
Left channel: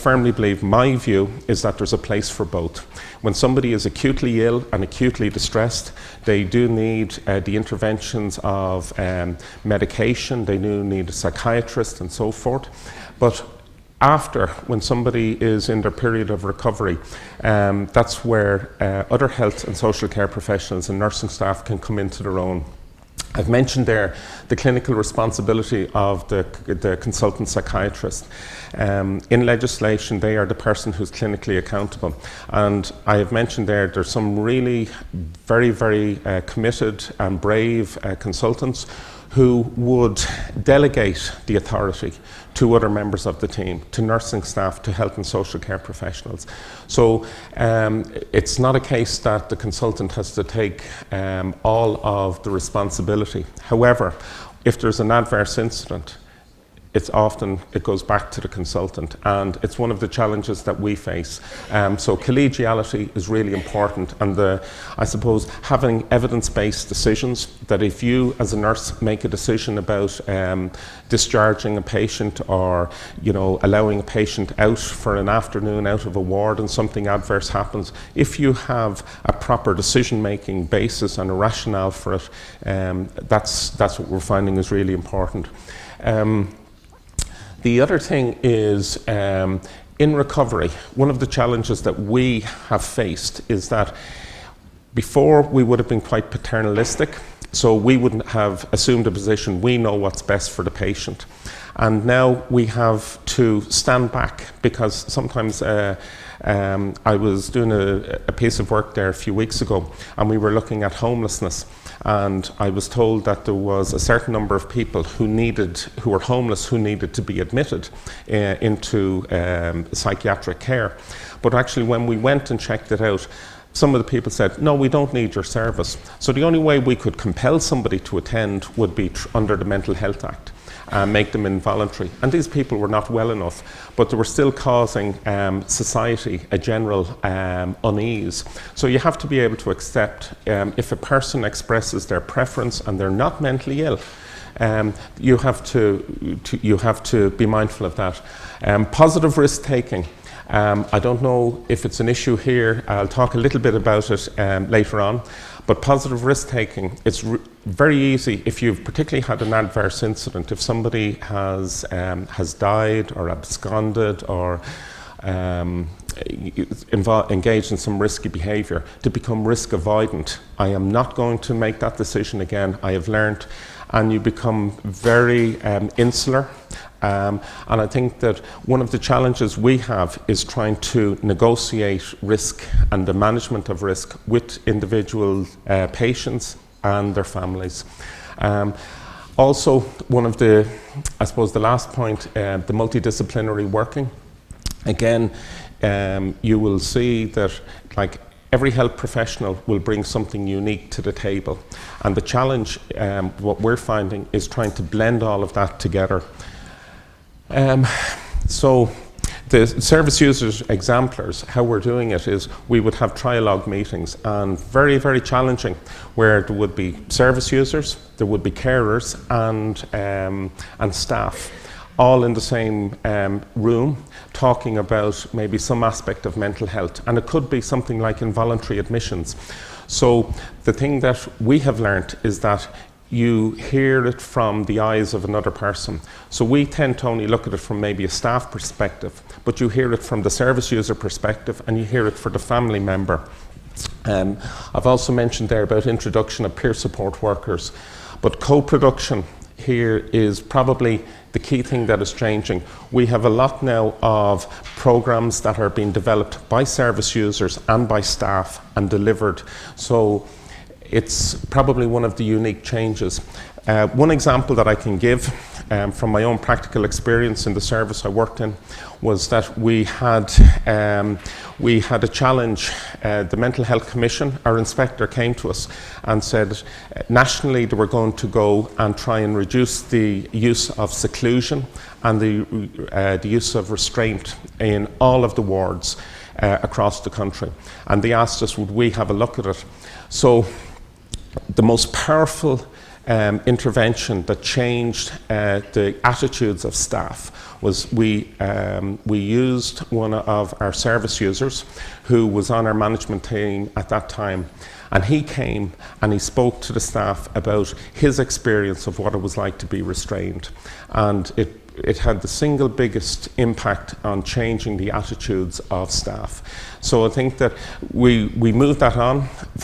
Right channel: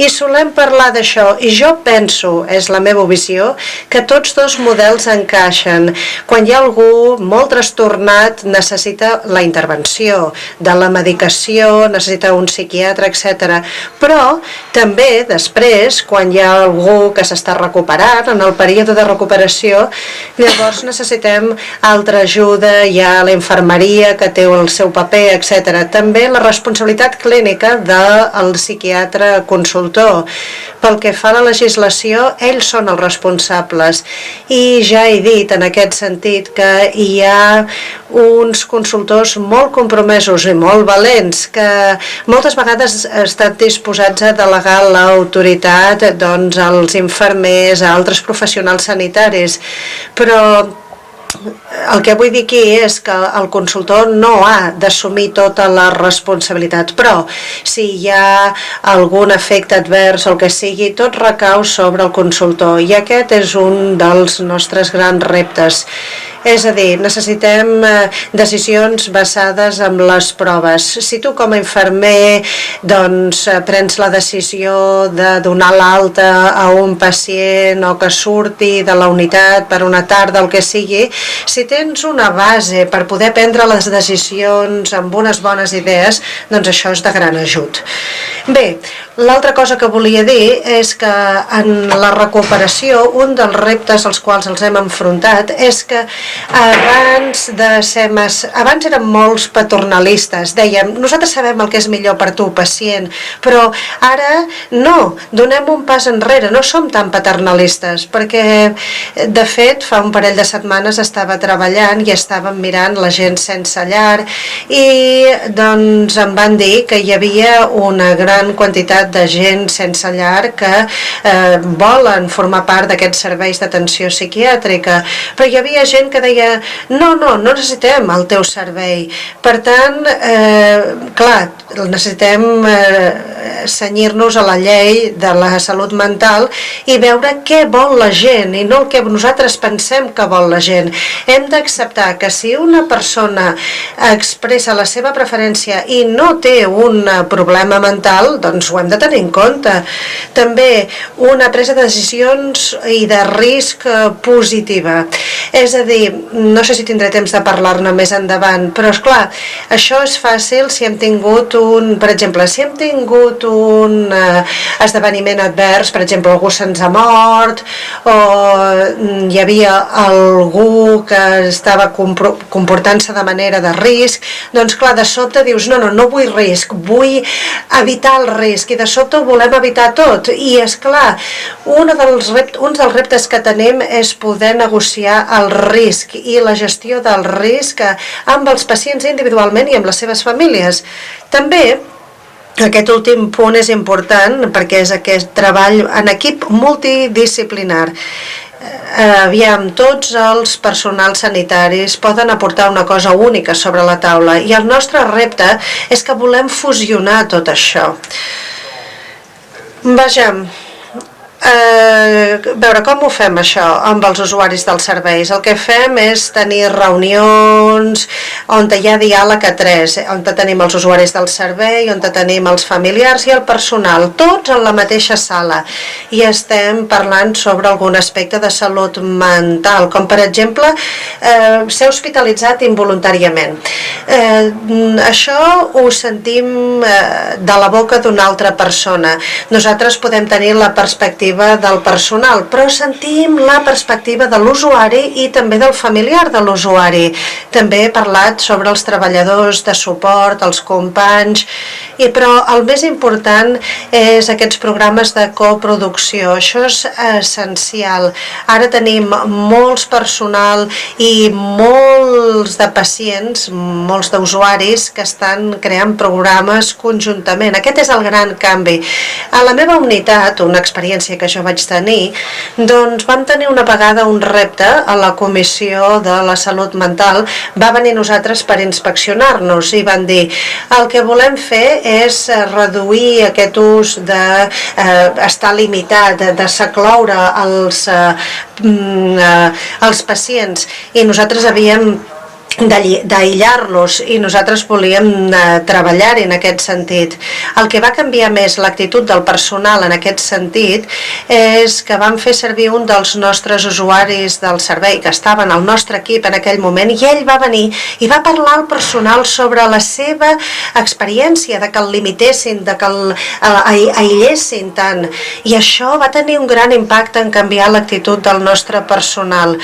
i solem parlar d'això i jo penso, és la meva visió, que tots dos models encaixen. Quan hi ha algú molt trastornat necessita la intervenció de la medicació, necessita un psiquiatre, etc. Però també després, quan hi ha algú que s'està recuperant, en el període de recuperació, llavors necessitem altra ajuda, hi ha la infermeria que té el seu paper, etc. També la responsabilitat clínica del psiquiatre consultor. Pel que fa a la legislació, ells són els responsables. I ja he dit en aquest sentit que hi ha uns consultors molt compromesos i molt valents que moltes vegades estan disposats a delegar l'autoritat als infermers, a altres professionals sanitaris, però el que vull dir aquí és que el consultor no ha d'assumir tota la responsabilitat, però si hi ha algun efecte advers o el que sigui, tot recau sobre el consultor i aquest és un dels nostres grans reptes. És a dir, necessitem decisions basades en les proves. Si tu com a infermer prens la decisió de donar l'alta a un pacient o que surti de la unitat per una tarda, el que sigui, si tens una base per poder prendre les decisions amb unes bones idees, doncs això és de gran ajut. Bé, l'altra cosa que volia dir és que en la recuperació un dels reptes als quals els hem enfrontat és que abans érem molts paternalistes, dèiem, nosaltres sabem el que és millor per tu, pacient, però ara no, donem un pas enrere, no som tan paternalistes, perquè de fet fa un parell de setmanes setmanes estava treballant i estàvem mirant la gent sense llar i doncs em van dir que hi havia una gran quantitat de gent sense llar que volen formar part d'aquests serveis d'atenció psiquiàtrica, però hi havia gent que deia no necessitem el teu servei. Per tant, clar, necessitem cenyir-nos a la llei de la salut mental i veure què vol la gent i no el que nosaltres pensem que vol la gent. Hem d'acceptar que si una persona expressa la seva preferència i no té un problema mental, doncs ho hem de tenir en compte. També una presa de decisions i de risc positiva. És a dir, no sé si tindré temps de parlar-ne més endavant, però esclar, això és fàcil si hem tingut per exemple, si hem tingut un esdeveniment advers, per exemple, algú se'ns ha mort o hi havia algú que estava comportant-se de manera de risc, doncs clar, de sobte dius no vull risc, vull evitar el risc i de sobte ho volem evitar tot i esclar, un dels reptes que tenim és poder negociar el risc i la gestió del risc amb els pacients individualment i amb les seves famílies. També aquest últim punt és important perquè és aquest treball en equip multidisciplinar. Aviam, tots els personals sanitaris poden aportar una cosa única sobre la taula i el nostre repte és que volem fusionar tot això. Vejam, veure com ho fem això amb els usuaris dels serveis. El que fem és tenir reunions on hi ha diàleg a tres, on tenim els usuaris del servei, on tenim els familiars i el personal, tots en la mateixa sala. I estem parlant sobre algun aspecte de salut mental, com per exemple ser hospitalitzat involuntàriament. Això ho sentim de la boca d'una altra persona. Nosaltres podem tenir la perspectiva del personal, però sentim la perspectiva de l'usuari i també del familiar de l'usuari. També he parlat sobre els treballadors de suport, els companys, però el més important és aquests programes de coproducció. Això és essencial. Ara tenim molts personal i molts de pacients, molts d'usuaris que estan creant programes conjuntament. Aquest és el gran canvi. A la meva unitat, una experiència que jo vaig tenir, doncs vam tenir una vegada un repte a la Comissió de la Salut Mental. Va venir nosaltres per inspeccionar-nos i van dir el que volem fer és reduir aquest ús d'estar limitat, de secloure els pacients i nosaltres havíem d'aïllar-los i nosaltres volíem treballar-hi en aquest sentit. El que va canviar més l'actitud del personal en aquest sentit és que vam fer servir un dels nostres usuaris del servei que estaven al nostre equip en aquell moment i ell va venir i va parlar al personal sobre la seva experiència de que el limitessin, de que aïllessin tant i això va tenir un gran impacte en canviar l'actitud del nostre personal.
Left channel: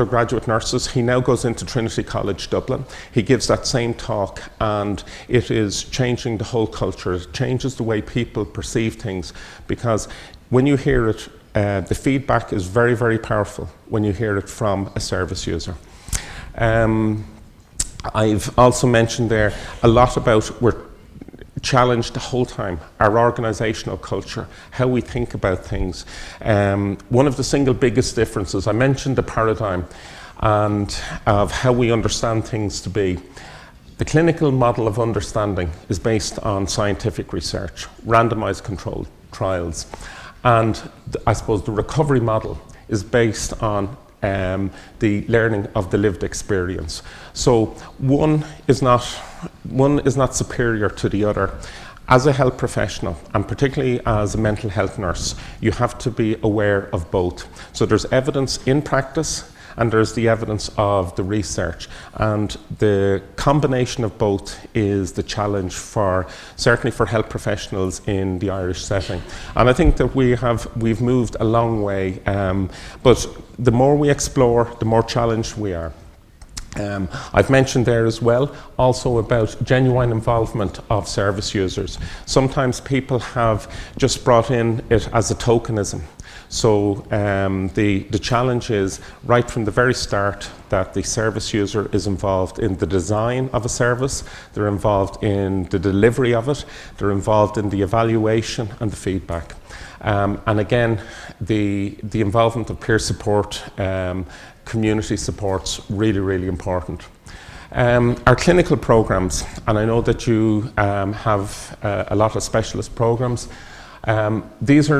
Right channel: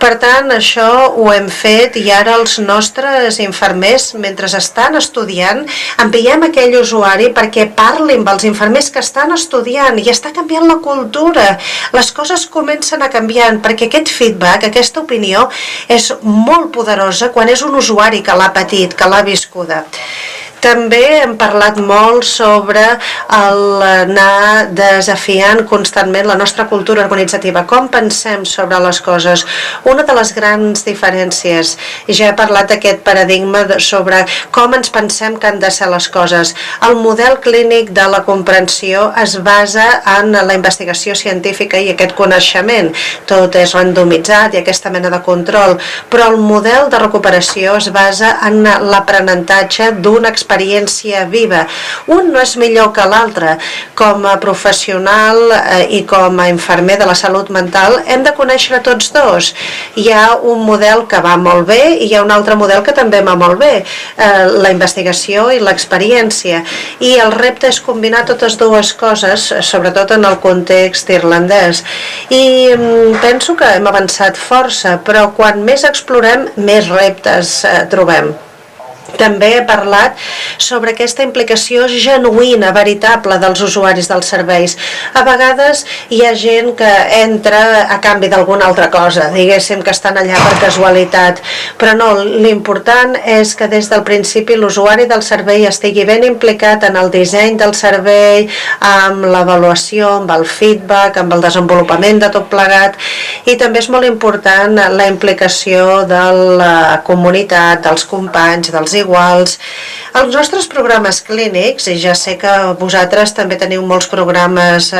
Per tant, això ho hem fet i ara els nostres infermers, mentre estan estudiant, enviem aquell usuari perquè parli amb els infermers que estan estudiant i està canviant la cultura. Les coses comencen a canviar perquè aquest feedback, aquesta opinió és molt poderosa quan és un usuari que l'ha patit, que l'ha viscuda. També hem parlat molt sobre anar desafiant constantment la nostra cultura organitzativa, com pensem sobre les coses. Una de les grans diferències, i ja he parlat d'aquest paradigma sobre com ens pensem que han de ser les coses. El model clínic de la comprensió es basa en la investigació científica i aquest coneixement. Tot és randomitzat i aquesta mena de control, però el model de recuperació es basa en l'aprenentatge d'una experiència viva. Un no és millor que l'altre. Com a professional i com a infermer de la salut mental hem de conèixer tots dos. Hi ha un model que va molt bé i hi ha un altre model que també va molt bé, la investigació i l'experiència. I el repte és combinar totes dues coses, sobretot en el context irlandès. I penso que hem avançat força, però quan més explorem, més reptes trobem. també he parlat sobre aquesta implicació genuïna, veritable dels usuaris dels serveis. A vegades hi ha gent que entra a canvi d'alguna altra cosa, diguéssim que estan allà per casualitat, però no, l'important és que des del principi l'usuari del servei estigui ben implicat en el disseny del servei, amb l'avaluació, amb el feedback, amb el desenvolupament de tot plegat, i també és molt important la implicació de la comunitat, dels companys, dels iguals. Els nostres programes clínics, i ja sé que vosaltres també teniu molts programes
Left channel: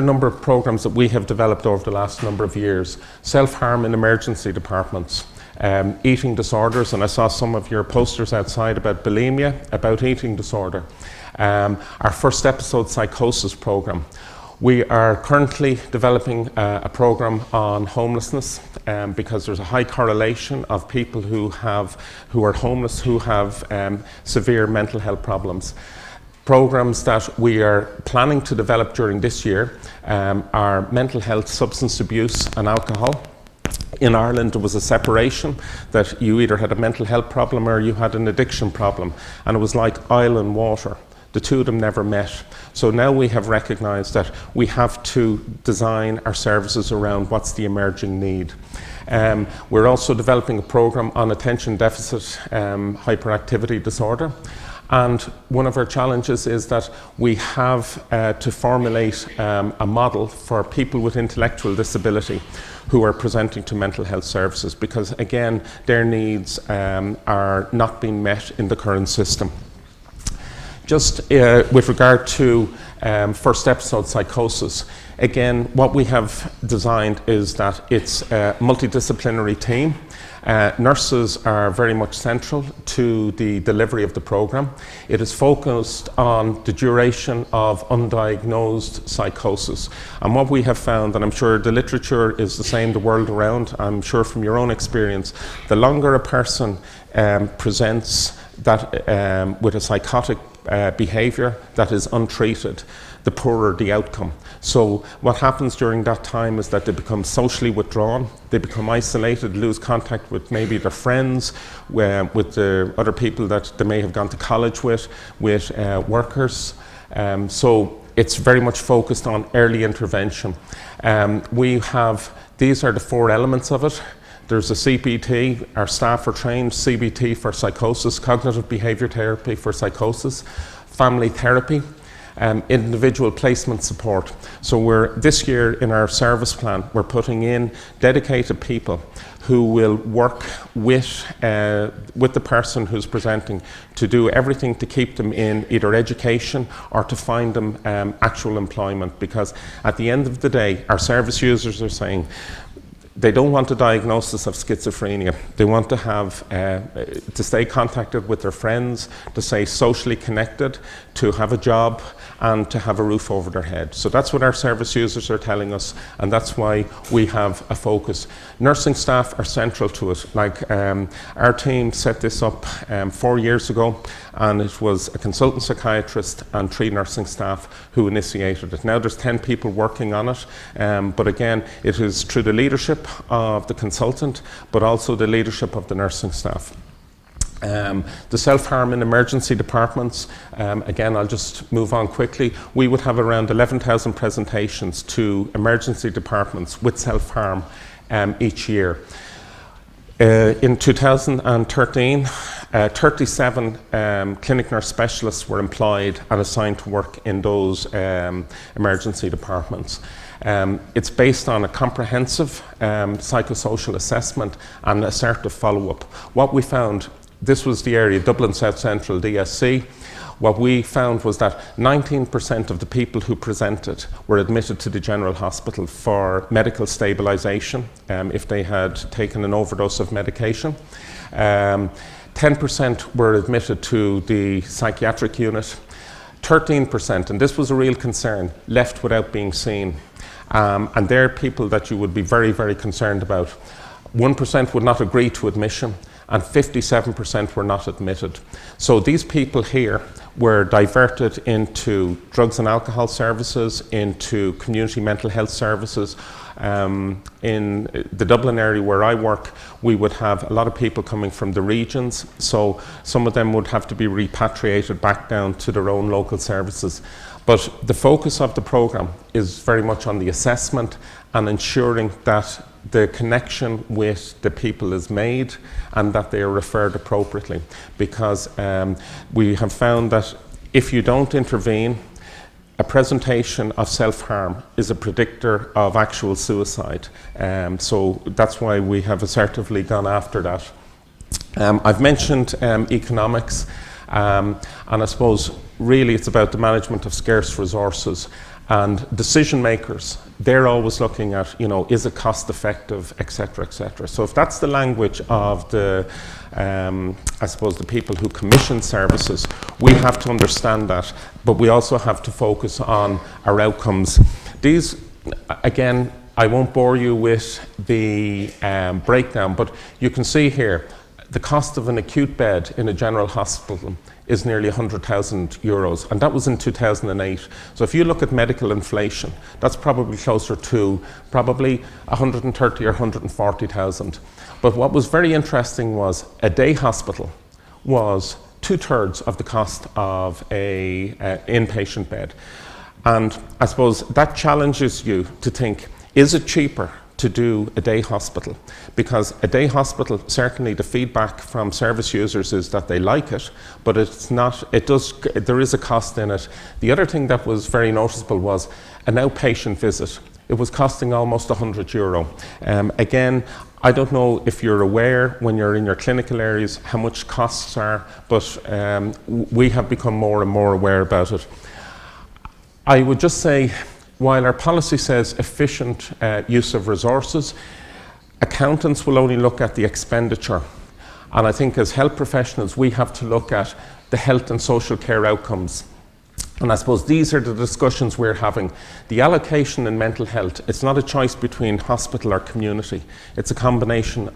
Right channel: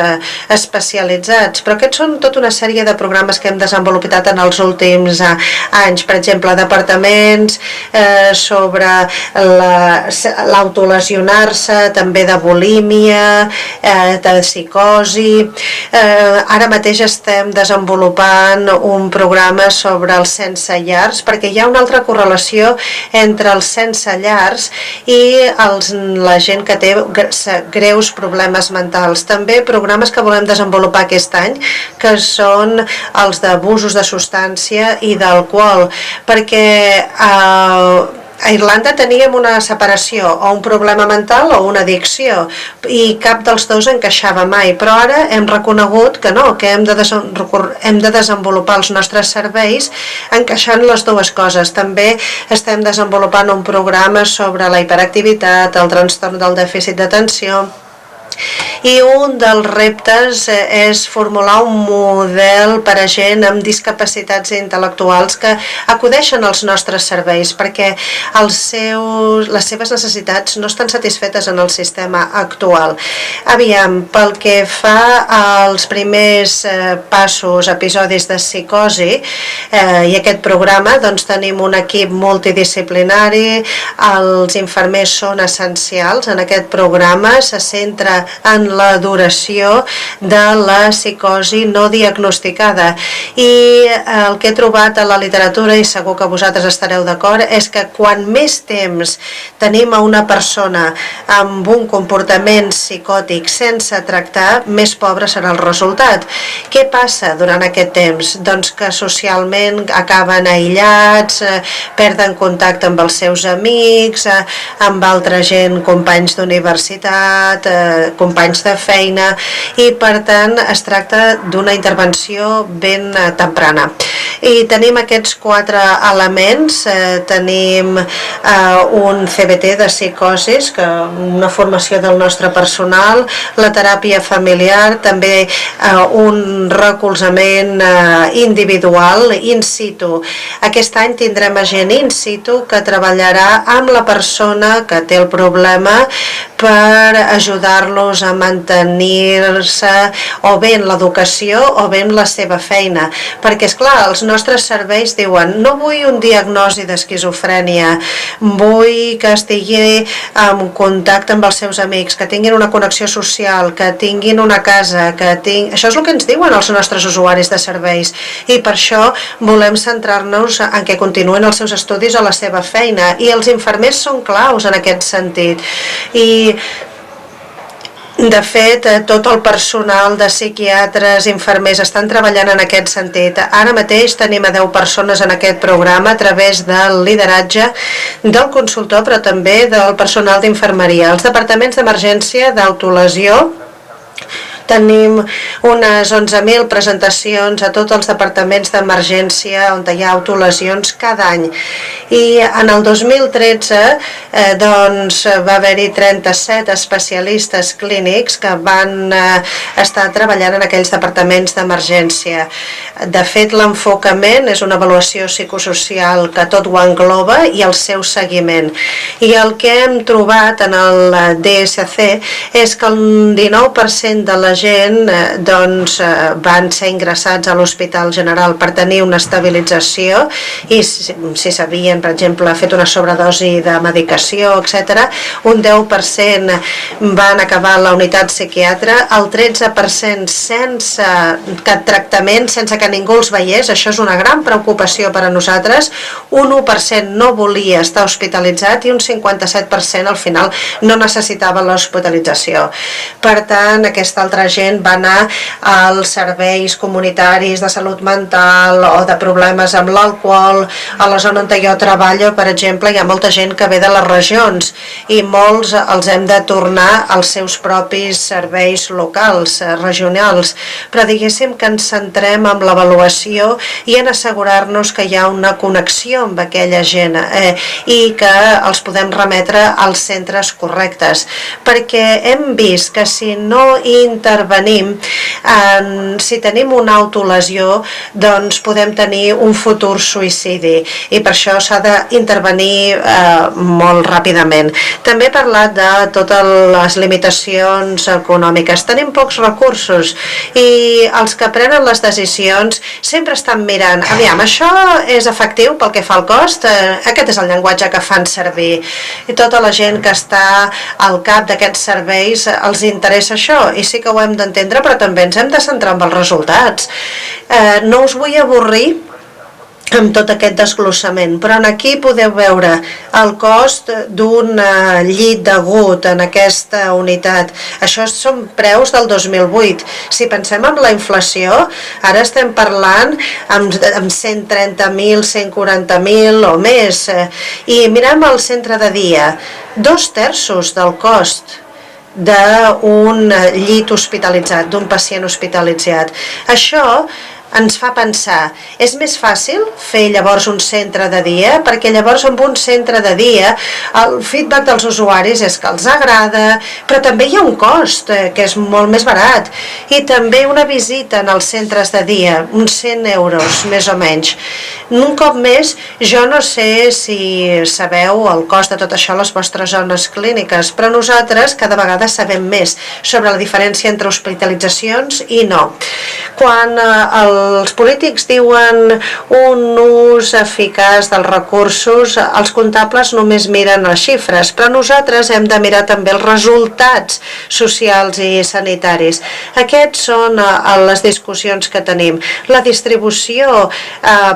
especialitzats, però aquests són tota una sèrie de programes que hem desenvolupat en els últims anys, per exemple, departaments sobre l'autolesionar-se, també de bulímia, de psicosi. Ara mateix estem desenvolupant un programa sobre els sense llars, perquè hi ha una altra correlació entre els sense llars i la gent que té greus problemes mentals. També programes que volem desenvolupar aquest any, que són els d'abusos de substància i d'alcohol, perquè a Irlanda teníem una separació, o un problema mental o una addicció, i cap dels dos encaixava mai, però ara hem reconegut que no, que hem de desenvolupar els nostres serveis encaixant les dues coses. També estem desenvolupant un programa sobre la hiperactivitat, el trastorn del dèficit d'atenció, i un dels reptes és formular un model per a gent amb discapacitats intel·lectuals que acudeixen als nostres serveis, perquè les seves necessitats no estan satisfetes en el sistema actual. Aviam, pel que fa als primers passos, episodis de psicosi, i aquest programa, doncs tenim un equip multidisciplinari, els infermers són essencials en aquest programa, se centra en la duració de la psicosi no diagnosticada, i el que he trobat a la literatura, i segur que vosaltres estareu d'acord, és que quan més temps tenim a una persona amb un comportament psicòtic sense tractar, més pobre serà el resultat. Què passa durant aquest temps? Doncs que socialment acaben aïllats, perden contacte amb els seus amics, amb altra gent, companys d'universitat, companys de feina, i per tant es tracta d'una intervenció ben temprana. I tenim aquests 4 elements, tenim un CBT de psicosis, una formació del nostre personal, la teràpia familiar, també un recolzament individual in situ. Aquest any tindrem gent in situ que treballarà amb la persona que té el problema per ajudar-los a mantenir-se o bé en l'educació o bé en la seva feina. Perquè, esclar, els nostres serveis diuen no vull un diagnòsi d'esquizofrènia, vull que estigui en contacte amb els seus amics, que tinguin una connexió social, que tinguin una casa, Això és el que ens diuen els nostres usuaris de serveis, i per això volem centrar-nos en que continuïn els seus estudis o la seva feina, i els infermers són claus en aquest sentit. I de fet, tot el personal de psiquiatres, infermers, estan treballant en aquest sentit. Ara mateix tenim a 10 persones en aquest programa a través del lideratge del consultor, però també del personal d'infermeria. Els departaments d'emergència d'autolesió, tenim unes 11.000 presentacions a tots els departaments d'emergència on hi ha autolesions cada any. I en el 2013 doncs, va haver-hi 37 especialistes clínics que van estar treballant en aquells departaments d'emergència. De fet, l'enfocament és una avaluació psicosocial que tot ho engloba i el seu seguiment. I el que hem trobat en el DSC és que el 19% de la gent doncs, van ser ingressats a l'Hospital General per tenir una estabilització i si s'havien, per exemple, fet una sobredosi de medicació, etc. Un 10% van acabar a la unitat psiquiatre, el 13% sense cap tractament, sense que ningú els veiés. Això és una gran preocupació per a nosaltres. Un 1% no volia estar hospitalitzat i un 57% al final no necessitava l'hospitalització. Per tant, aquesta altra gent va anar als serveis comunitaris de salut mental o de problemes amb l'alcohol. A la zona on jo treballo, per exemple, hi ha molta gent que ve de les regions i molts els hem de tornar als seus propis serveis locals, regionals. Però diguéssim que ens centrem en l'avaluació i en assegurar-nos que hi ha una connexió amb aquella gent i que els podem remetre als centres correctes. Perquè hem vist que si no intervenim, si tenim una autolesió, doncs podem tenir un futur suïcidi i per això s'ha d'intervenir molt ràpidament. També he parlat de totes les limitacions econòmiques. Tenim pocs recursos i els que prenen les decisions sempre estan mirant, aviam, això és efectiu pel que fa al cost? Aquest és el llenguatge que fan servir. I tota la gent que està al cap d'aquests serveis els interessa això i sí que ho hem d'entendre, però també ens hem de centrar en els resultats. No us vull avorrir amb tot aquest desglossament, però aquí podeu veure el cost d'un llit d'agut en aquesta unitat. Això són preus del 2008. Si pensem en la inflació, ara estem parlant amb 130.000, 140.000 o més. I mirem el centre de dia, 2/3 del cost d'un llit hospitalitzat, d'un pacient hospitalitzat. Això ens fa pensar, és més fàcil fer llavors un centre de dia, perquè llavors amb un centre de dia el feedback dels usuaris és que els agrada, però també hi ha un cost que és molt més barat i també una visita en els centres de dia, uns 100 euros més o menys. Un cop més, jo no sé si sabeu el cost de tot això a les vostres zones clíniques, però nosaltres cada vegada sabem més sobre la diferència entre hospitalitzacions i no. Quan els polítics diuen un ús eficaç dels recursos, els comptables només miren les xifres, però nosaltres hem de mirar també els resultats socials i sanitaris. Aquests són les discussions que tenim. La distribució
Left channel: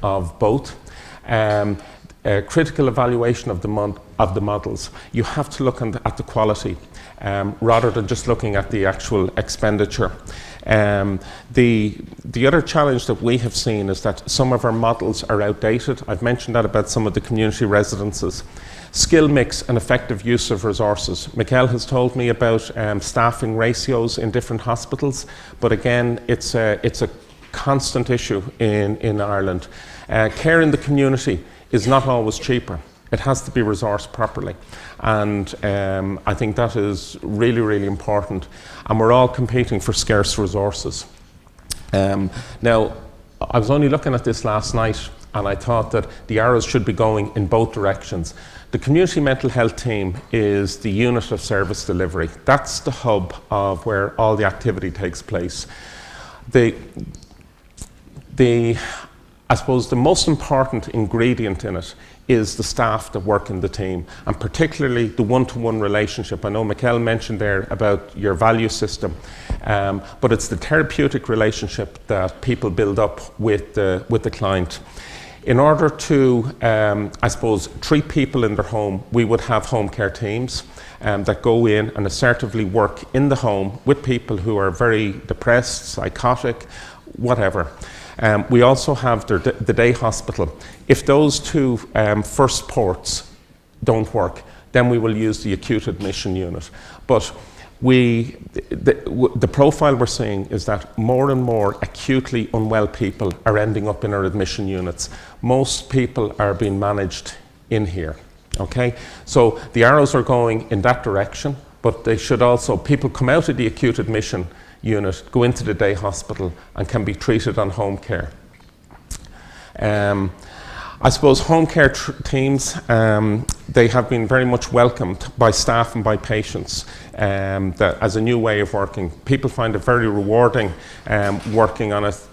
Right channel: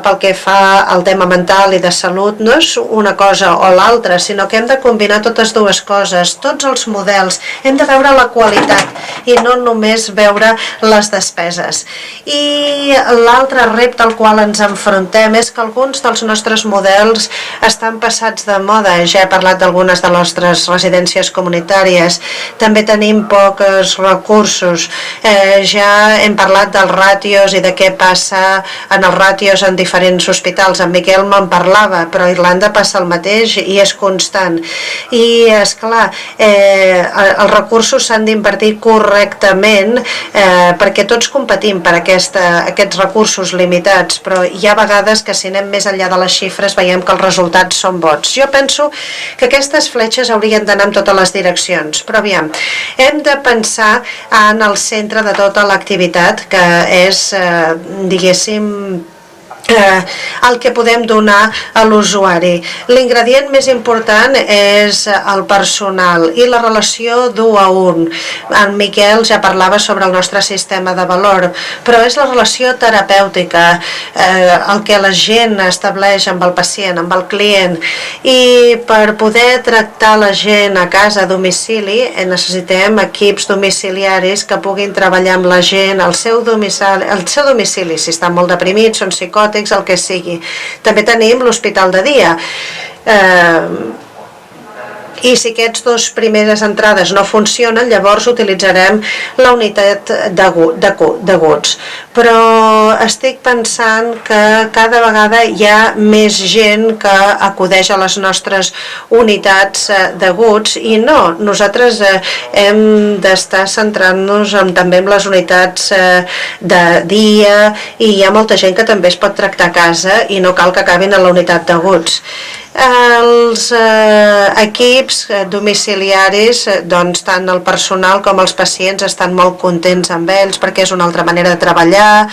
pel que fa al tema mental i de salut no és una cosa o l'altra, sinó que hem de combinar totes dues coses, tots els models. Hem de veure la qualitat i no només veure les despeses. I l'altre repte al qual ens enfrontem és que alguns dels nostres models estan passats de moda. Ja he parlat d'algunes de les nostres residències comunitàries. També tenim pocs recursos. Ja hem parlat dels ràtios i de què passa en els ràtios en diferents hospitals. En Miquel me'n parlava, però a Irlanda passa el mateix i és constant. I, esclar, els recursos s'han d'invertir correctament perquè tots competim per aquests recursos limitats, però hi ha vegades que si anem més enllà de les xifres veiem que els resultats són bons. Jo penso que aquestes fletxes haurien d'anar en totes les direccions, però aviam, hem de pensar en el centre de tota l'activitat, que és, diguéssim, el que podem donar a l'usuari. L'ingredient més important és el personal i la relació d'1 a 1. En Miquel ja parlava sobre el nostre sistema de valor, però és la relació terapèutica, el que la gent estableix amb el pacient, amb el client, i per poder tractar la gent a casa, a domicili, necessitem equips domiciliaris que puguin treballar amb la gent al seu domicili, si estan molt deprimits, són psicòtics, el que sigui. També tenim l'hospital de dia. I si aquests dos primeres entrades no funcionen, llavors utilitzarem la unitat d'aguts. Però estic pensant que cada vegada hi ha més gent que acudeix a les nostres unitats d'aguts i no, nosaltres hem d'estar centrant-nos també en les unitats de dia i hi ha molta gent que també es pot tractar a casa i no cal que acabin a la unitat d'aguts. equips domiciliaris, doncs tant el personal com els pacients estan molt contents amb ells perquè és una altra manera de treballar,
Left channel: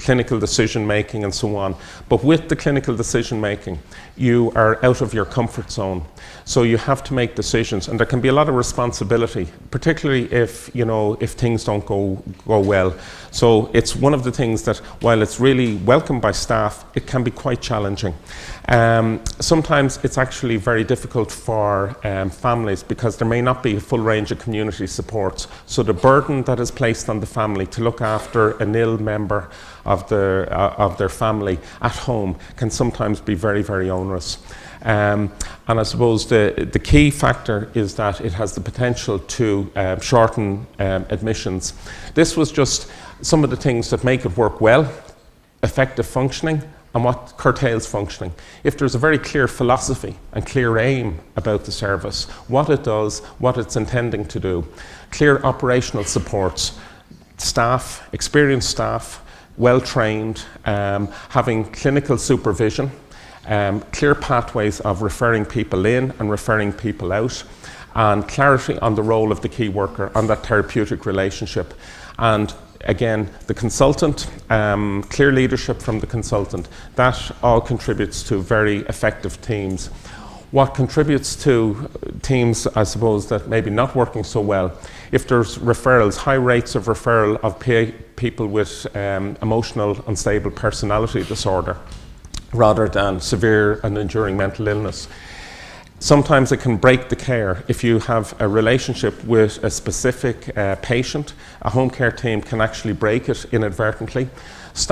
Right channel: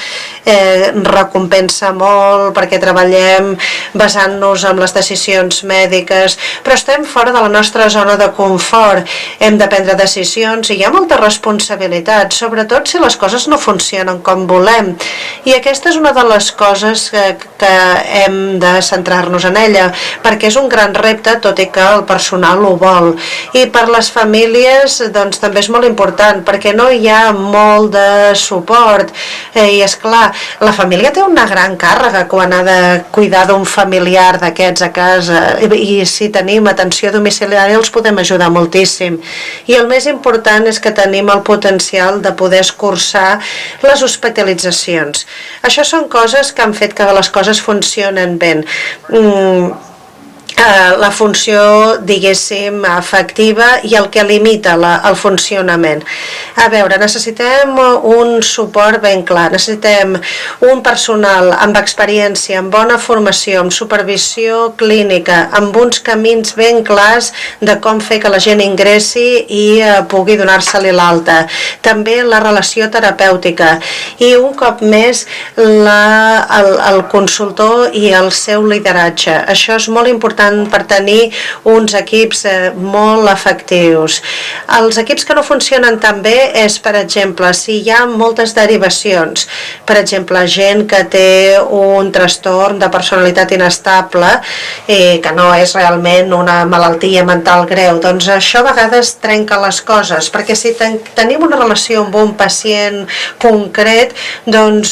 recompensa molt perquè treballem basant-nos en les decisions mèdiques, però estem fora de la nostra zona de confort, hem de prendre decisions i hi ha molta responsabilitat, sobretot si les coses no funcionen com volem, i aquesta és una de les coses que hem de centrar-nos en ella, perquè és un gran repte, tot i que el personal ho vol. I per les famílies, doncs, també és molt important, perquè no hi ha molt de suport. I, esclar, la família té una gran càrrega quan ha de cuidar d'un familiar d'aquests a casa, i si tenim atenció domiciliària els podem ajudar moltíssim. I el més important és que tenim el potencial de poder escurçar les hospitalitzacions. Això són coses que han fet que les coses funcionen bé. La funció, diguéssim, efectiva i el que limita el funcionament. A veure, necessitem un suport ben clar, necessitem un personal amb experiència, amb bona formació, amb supervisió clínica, amb uns camins ben clars de com fer que la gent ingressi i pugui donar-se-li l'alta. També la relació terapèutica i un cop més el consultor i el seu lideratge. Això és molt important per tenir uns equips molt efectius. Els equips que no funcionen tan bé és, per exemple, si hi ha moltes derivacions, per exemple, gent que té un trastorn de personalitat inestable que no és realment una malaltia mental greu, doncs això a vegades trenca les coses, perquè si tenim una relació amb un pacient concret, doncs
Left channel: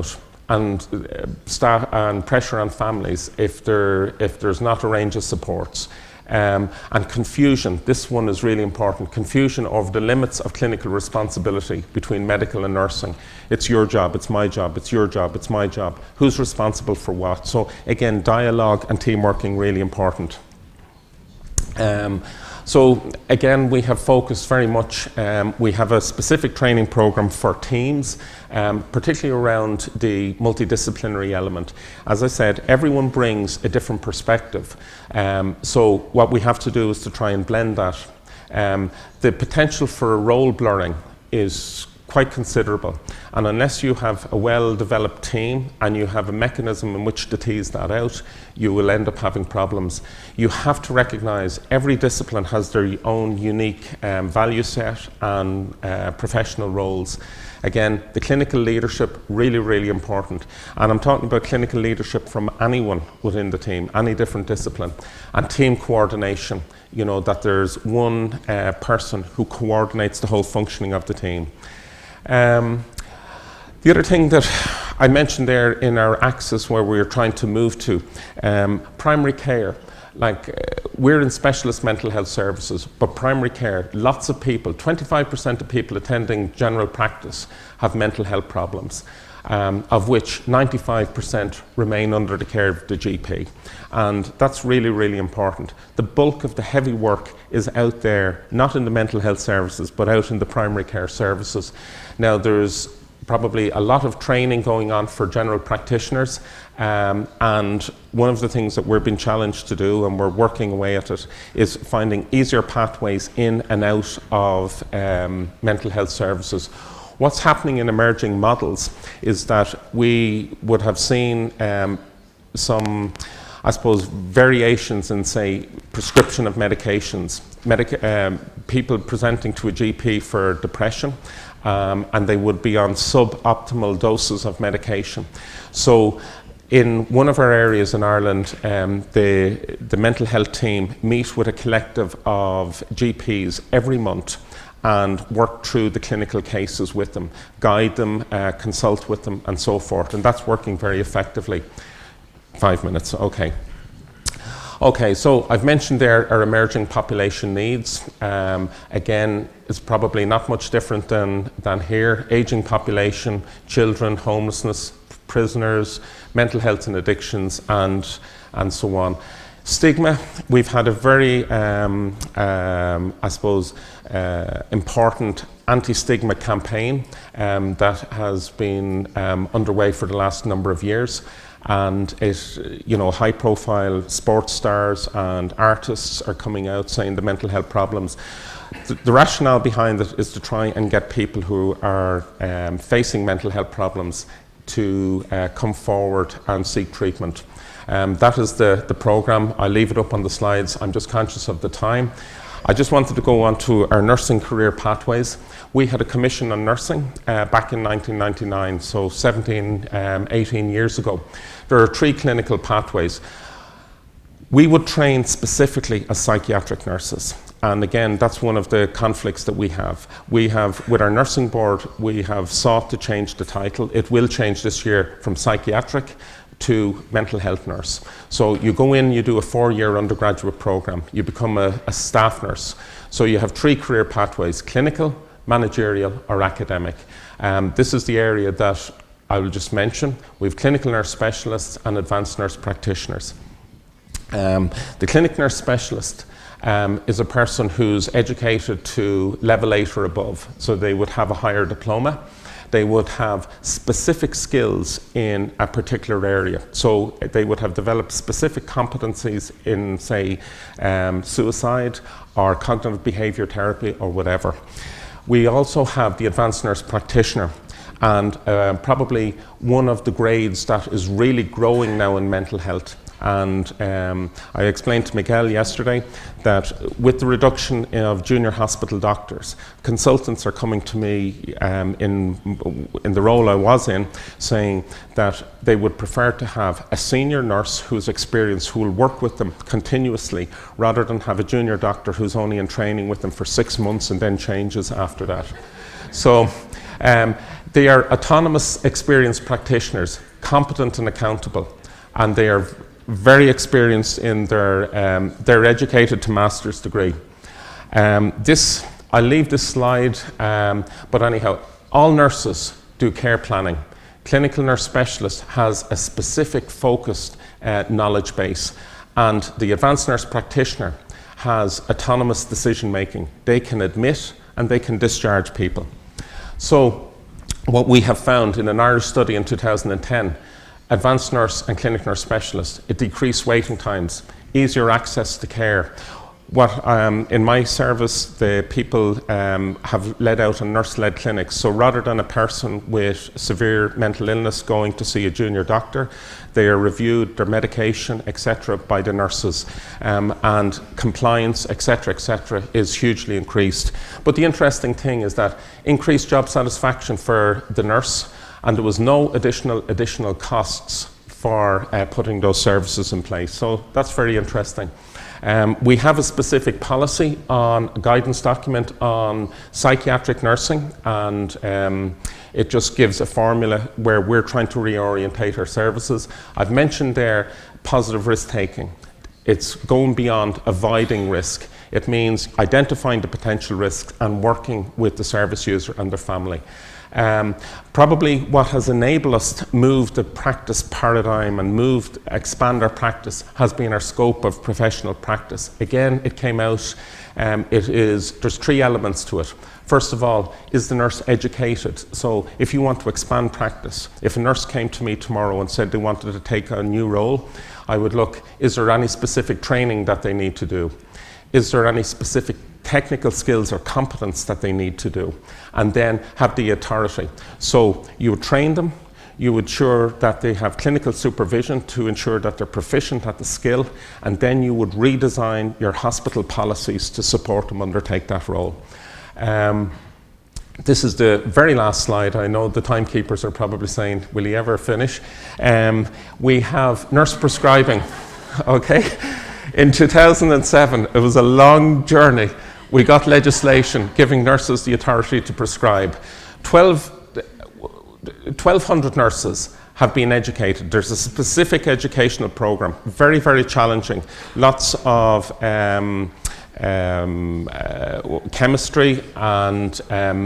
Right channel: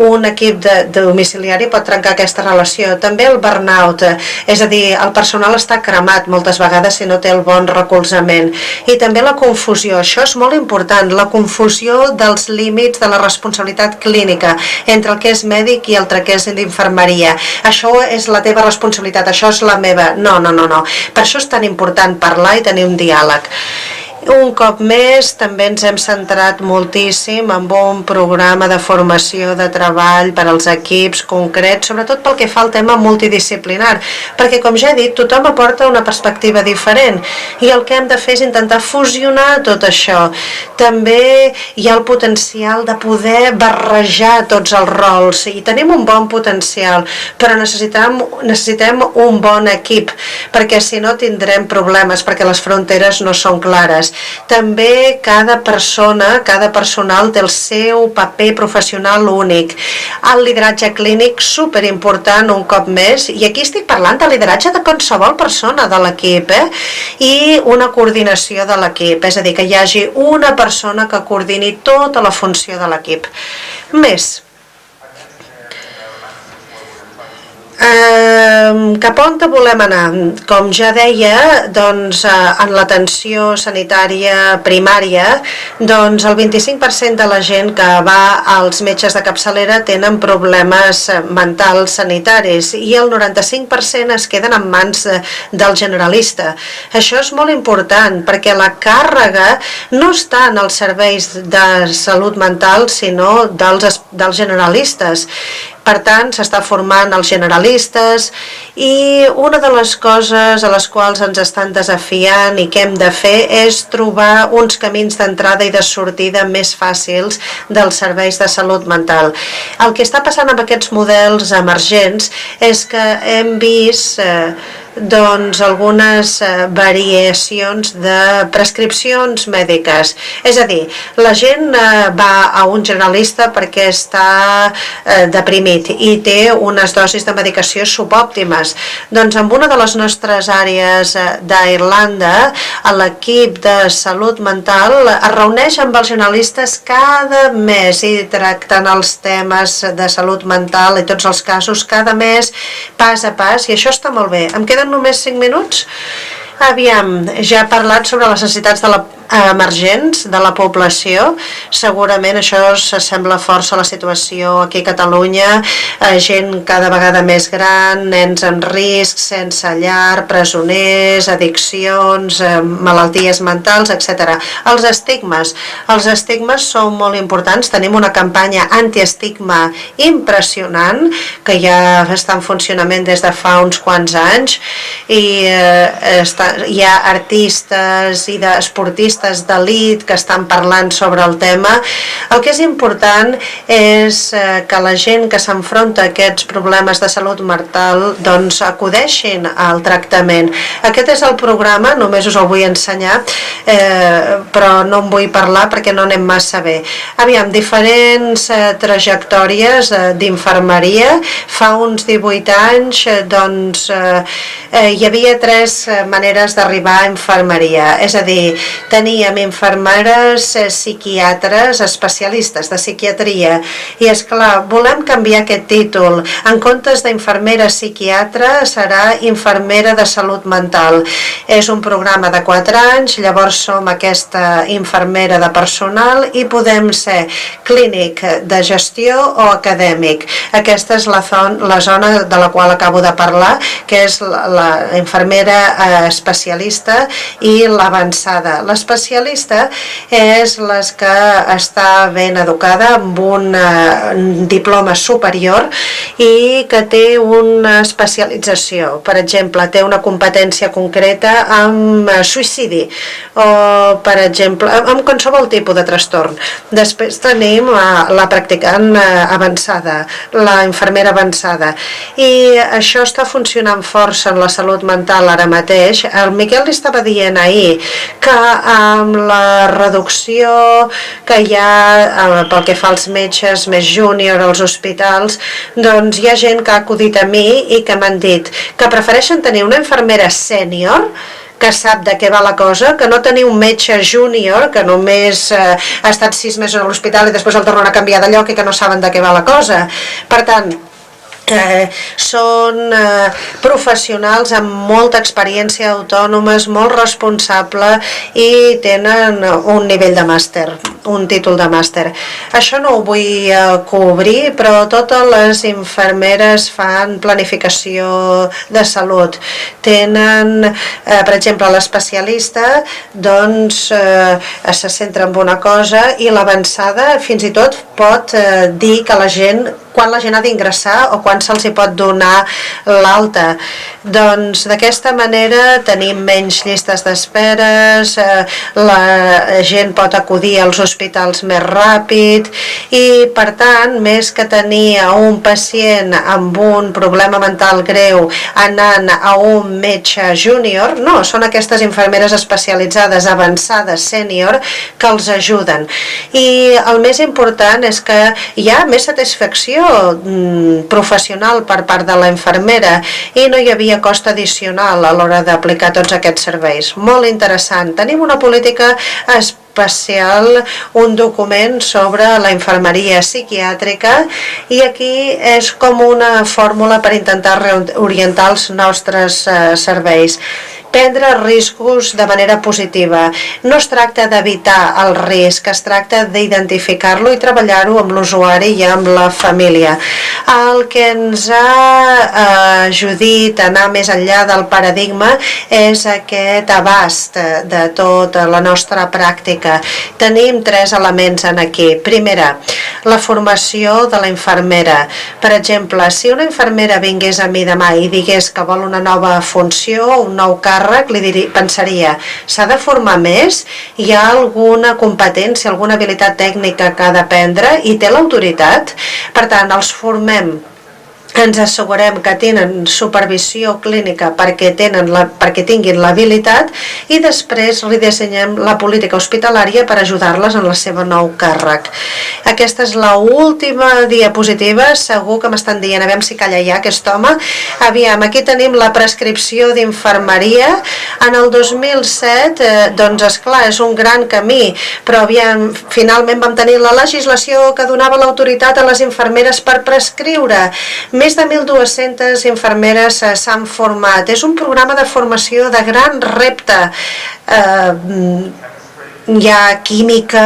un equip domiciliari pot trencar aquesta relació. També el burnout, és a dir, el personal està cremat moltes vegades si no té el bon recolzament. I també la confusió, això és molt important, la confusió dels límits de la responsabilitat clínica entre el que és mèdic i el que és d'infermeria. Això és la teva responsabilitat, això és la meva. No. Per això és tan important parlar i tenir un diàleg. Un cop més, també ens hem centrat moltíssim en un programa de formació de treball per als equips concrets, sobretot pel que fa al tema multidisciplinar, perquè, com ja he dit, tothom aporta una perspectiva diferent i el que hem de fer és intentar fusionar tot això. També hi ha el potencial de poder barrejar tots els rols i tenim un bon potencial, però necessitem un bon equip, perquè si no tindrem problemes, perquè les fronteres no són clares. També cada persona, cada personal té el seu paper professional únic. El lideratge clínic, superimportant un cop més, i aquí estic parlant de lideratge de qualsevol persona de l'equip, i una coordinació de l'equip, és a dir, que hi hagi una persona que coordini tota la funció de l'equip. Més. Cap on volem anar? Com ja deia, doncs, en l'atenció sanitària primària, doncs el 25% de la gent que va als metges de capçalera tenen problemes mentals sanitaris i el 95% es queden en mans del generalista. Això és molt important perquè la càrrega no està en els serveis de salut mental, sinó dels generalistes. Per tant, s'està formant els generalistes i una de les coses a les quals ens estan desafiant i que hem de fer és trobar uns camins d'entrada i de sortida més fàcils dels serveis de salut mental. El que està passant amb aquests models emergents és que hem vist doncs algunes variacions de prescripcions mèdiques. És a dir, la gent va a un generalista perquè està deprimit i té unes dosis de medicació subòptimes. Doncs en una de les nostres àrees d'Irlanda, l'equip de salut mental es reuneix amb els generalistes cada mes i tracten els temes de salut mental i tots els casos cada mes, pas a pas, i això està molt bé. Em queden només 5 minuts? Aviam, ja he parlat sobre les necessitats emergents de la població. Segurament això s'assembla força a la situació aquí a Catalunya, gent cada vegada més gran, nens en risc, sense llar, presoners, addiccions, malalties mentals, etc. Els estigmes són molt importants. Tenim una campanya antiestigma impressionant que ja està en funcionament des de fa uns quants anys i hi ha artistes i esportistes d'elit que estan parlant sobre el tema. El que és important és que la gent que s'enfronta a aquests problemes de salut mental doncs acudeixin al tractament. Aquest és el programa, només us el vull ensenyar, però no en vull parlar perquè no anem massa bé. Aviam, diferents trajectòries d'infermeria. Fa uns 18 anys doncs hi havia 3 maneres d'arribar a infermeria, és a dir, teníem infermeres psiquiatres especialistes de psiquiatria i esclar, volem canviar aquest títol. En comptes d'infermera psiquiatra serà infermera de salut mental. És un programa de 4 anys, llavors som aquesta infermera de personal i podem ser clínic de gestió o acadèmic. Aquesta és la zona de la qual acabo de parlar, que és la infermera especialista i l'avançada. L'especialista és la que està ben educada amb un diploma superior i que té una especialització. Per exemple, té una competència concreta amb suïcidi o, per exemple, amb qualsevol tipus de trastorn. Després tenim la practicant avançada, la infermera avançada. I això està funcionant força en la salut mental ara mateix. El Miquel li estava dient ahir que amb la reducció que hi ha pel que fa als metges més júnior als hospitals, doncs hi ha gent que ha acudit a mi i que m'han dit que prefereixen tenir una infermera sènior que sap de què va la cosa, que no tenir un metge júnior que només ha estat 6 mesos a l'hospital i després el tornen a canviar de lloc i que no saben de què va la cosa. Per tant, són professionals amb molta experiència, autònomes, molt responsables i tenen un nivell de màster, un títol de màster. Això no ho vull cobrir, però totes les infermeres fan planificació de salut. Tenen, per exemple, l'especialista doncs se centra en una cosa i l'avançada fins i tot pot dir que la gent, quan la gent ha d'ingressar o quan se'ls pot donar l'alta. Doncs d'aquesta manera tenim menys llistes d'esperes, la gent pot acudir als hospitals més ràpid i, per tant, més que tenir a un pacient amb un problema mental greu anant a un metge júnior, no, són aquestes infermeres especialitzades, avançades, sènior, que els ajuden. I el més important és que hi ha més satisfacció professional per part de la infermera i no hi havia cost addicional a l'hora d'aplicar tots aquests serveis. Molt interessant. Tenim una política especial, un document sobre la infermeria psiquiàtrica i aquí és com una fórmula per intentar orientar els nostres serveis. Prendre riscos de manera positiva. No es tracta d'evitar el risc, es tracta d'identificar-lo i treballar-ho amb l'usuari i amb la família. El que ens ha ajudat a anar més enllà del paradigma és aquest abast de tota la nostra pràctica. Tenim 3 elements en aquí. Primera, la formació de la infermera. Per exemple, si una infermera vingués a mi demà i digués que vol una nova funció, un nou càrrec, li pensaria, s'ha de formar més? Hi ha alguna competència, alguna habilitat tècnica que ha d'aprendre i té l'autoritat? Per tant, els formem, ens assegurem que tenen supervisió clínica perquè tinguin l'habilitat i després li dissenyem la política hospitalària per ajudar-les en la seva nou càrrec. Aquesta és l'última diapositiva, segur que m'estan dient, aviam si calla ja aquest home. Aviam, aquí tenim la prescripció d'infermeria. En el 2007, doncs esclar, és un gran camí, però aviam, finalment vam tenir la legislació que donava l'autoritat a les infermeres per prescriure. Més de 1.200 infermeres s'han format. És un programa de formació de gran repte. Hi ha química,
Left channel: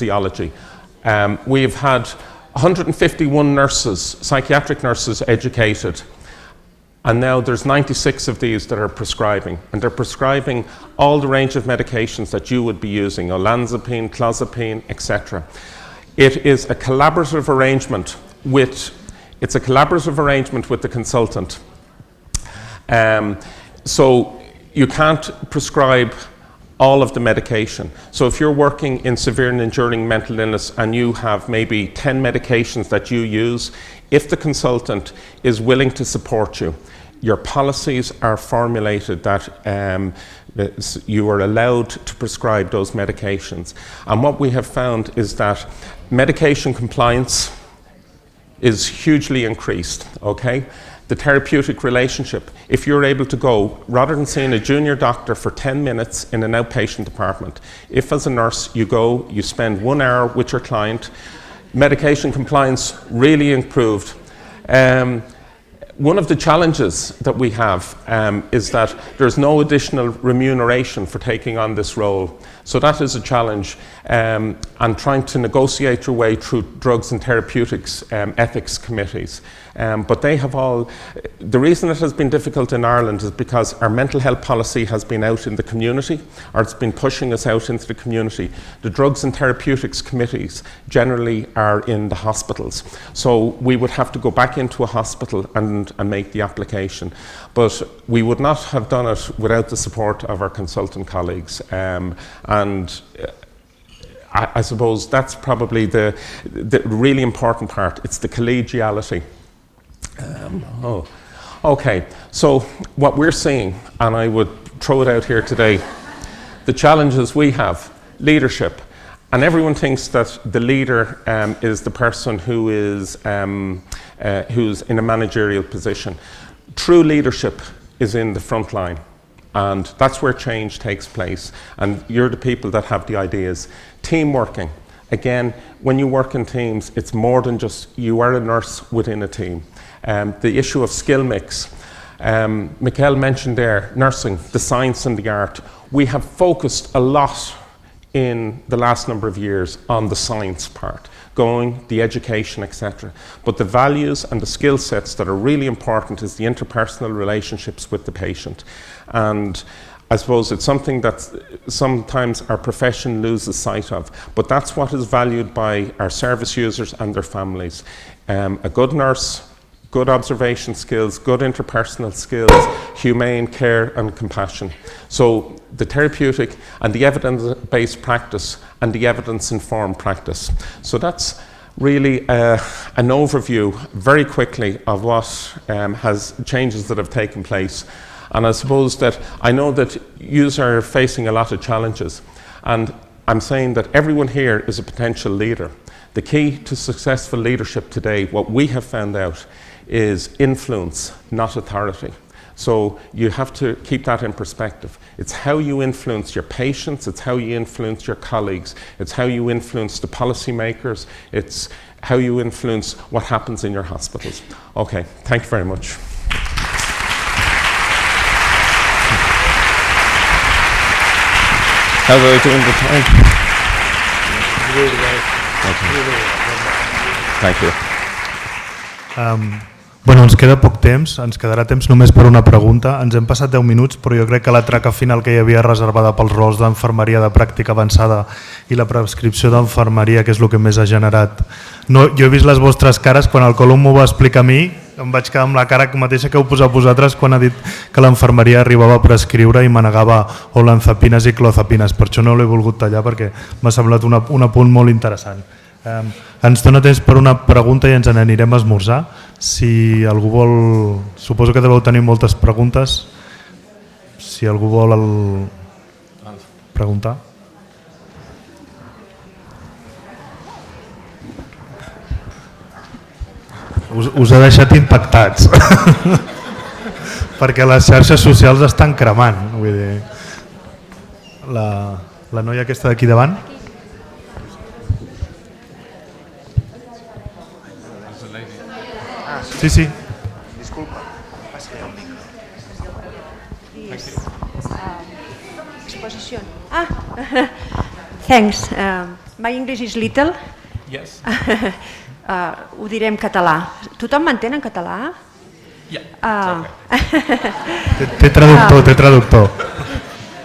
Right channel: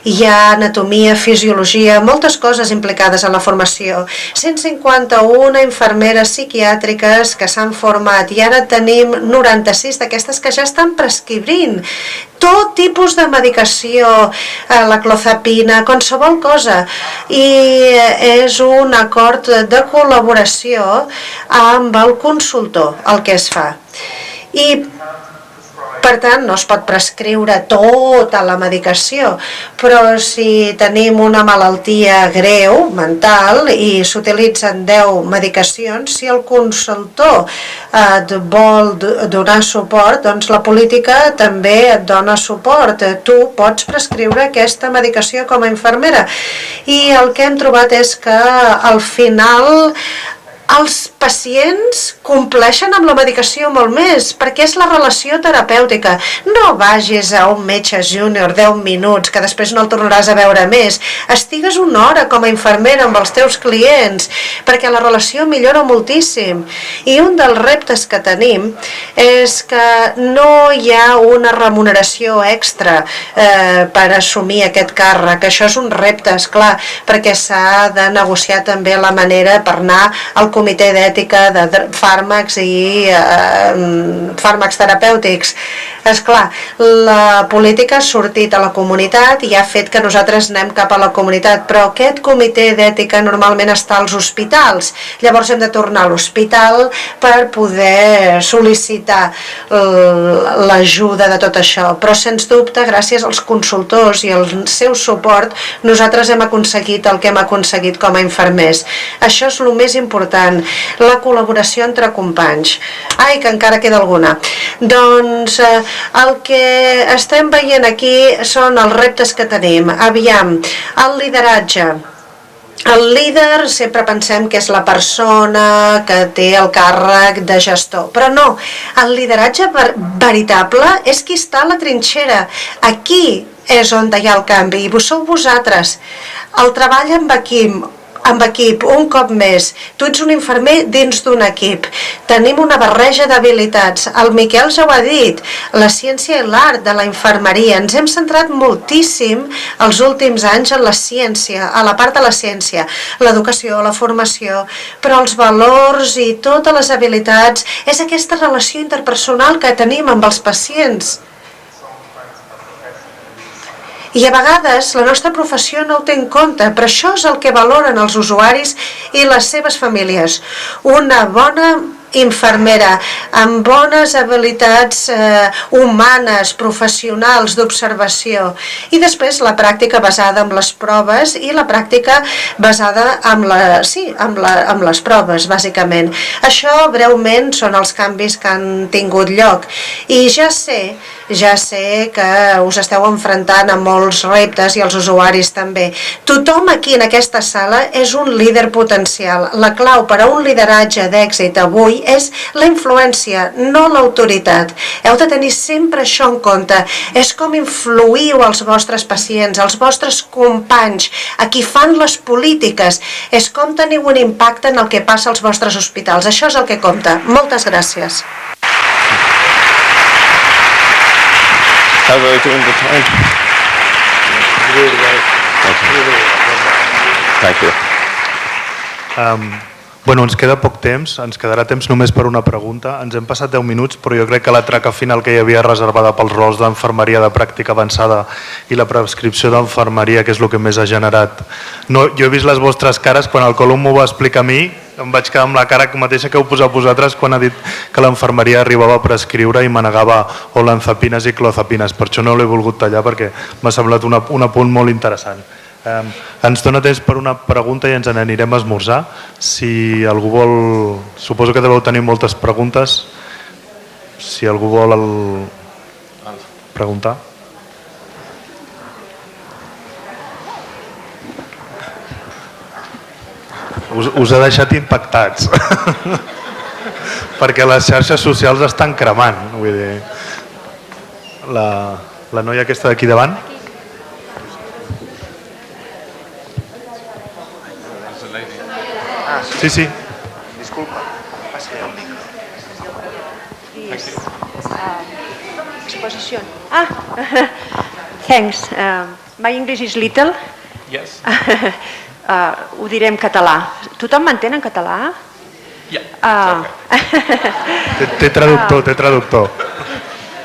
hi ha anatomia, fisiologia, moltes coses implicades en la formació. 151 infermeres psiquiàtriques que s'han format i ara tenim 96 d'aquestes que ja estan prescrivint tot tipus de medicació, la clozapina, qualsevol cosa. I és un acord de col·laboració amb el consultor, el que es fa. I, per tant, no es pot prescriure tota la medicació, però si tenim una malaltia greu, mental, i s'utilitzen 10 medicacions, si el consultor et vol donar suport, doncs la política també et dona suport. Tu pots prescriure aquesta medicació com a infermera. I el que hem trobat és que al final els pacients compleixen amb la medicació molt més, perquè és la relació terapèutica. No vagis a un metge júnior 10 minuts, que després no el tornaràs a veure més. Estigues una hora com a infermera amb els teus clients, perquè la relació millora moltíssim. I un dels reptes que tenim és que no hi ha una remuneració extra per assumir aquest càrrec. Això és un repte, esclar, perquè s'ha de negociar també la manera per anar al comitè d'ètica de fàrmacs i fàrmacs terapèutics. Esclar, la política ha sortit a la comunitat i ha fet que nosaltres anem cap a la comunitat, però aquest comitè d'ètica normalment està als hospitals. Llavors hem de tornar a l'hospital per poder sol·licitar l'ajuda de tot això. Però, sens dubte, gràcies als consultors i al seu suport, nosaltres hem aconseguit el que hem aconseguit com a infermers. Això és el més important, la col·laboració entre companys. Ai, que encara queda alguna. Doncs el que estem veient aquí són els reptes que tenim. Aviam, el lideratge. El líder sempre pensem que és la persona que té el càrrec de gestor, però no, el lideratge veritable és qui està a la trinxera. Aquí és on hi ha el canvi, i sou vosaltres. El treball amb equip, un cop més. Tu ets un infermer dins d'un equip. Tenim una barreja d'habilitats. El Miquel ja ho ha dit, la ciència i l'art de la infermeria. Ens hem centrat moltíssim els últims anys en la ciència, a la part de la ciència, l'educació, la formació, però els valors i totes les habilitats és aquesta relació interpersonal que tenim amb els pacients. I a vegades la nostra professió no ho té en compte, però això és el que valoren els usuaris i les seves famílies. Una bona infermera amb bones habilitats humanes, professionals, d'observació, i després la pràctica basada en les proves i la pràctica basada en les proves, bàsicament. Això breument són els canvis que han tingut lloc. I ja sé que us esteu enfrontant a molts reptes i els usuaris també. Tothom aquí en aquesta sala és un líder potencial. La clau per a un lideratge d'èxit avui és la influència, no l'autoritat. Heu de tenir sempre això en compte. És com influïu als vostres pacients, als vostres companys, a qui fan les polítiques. És com teniu un impacte en el que passa als vostres hospitals. Això és el que compta. Moltes gràcies. How are we doing the time? Thank you. Bueno, ens queda poc temps, ens quedarà temps només per una pregunta. Ens hem passat 10 minuts, però jo crec que la traca final que hi havia reservada pels rols d'enfermeria de pràctica avançada i la prescripció d'enfermeria, que és el que més ha generat. No, jo he vist les vostres cares, quan el Colum m'ho va explicar a mi, em vaig quedar amb la cara mateixa que heu posat vosaltres quan ha dit que l'enfermeria arribava a prescriure i manegava olanzapines i clozapines. Per això no l'he volgut tallar, perquè m'ha semblat un apunt molt interessant. Ens dona temps per una pregunta i ens n'anirem a esmorzar. Si algú vol... Suposo que deveu tenir moltes preguntes. Si algú vol preguntar. Us ha deixat impactats. Perquè les xarxes socials estan cremant. Vull dir, la noia aquesta d'aquí davant. Sí, sí. Disculpa. Exposition. Thanks. My English is little. Yes. ho diré en català. Tothom m'entén en català? Té traductor.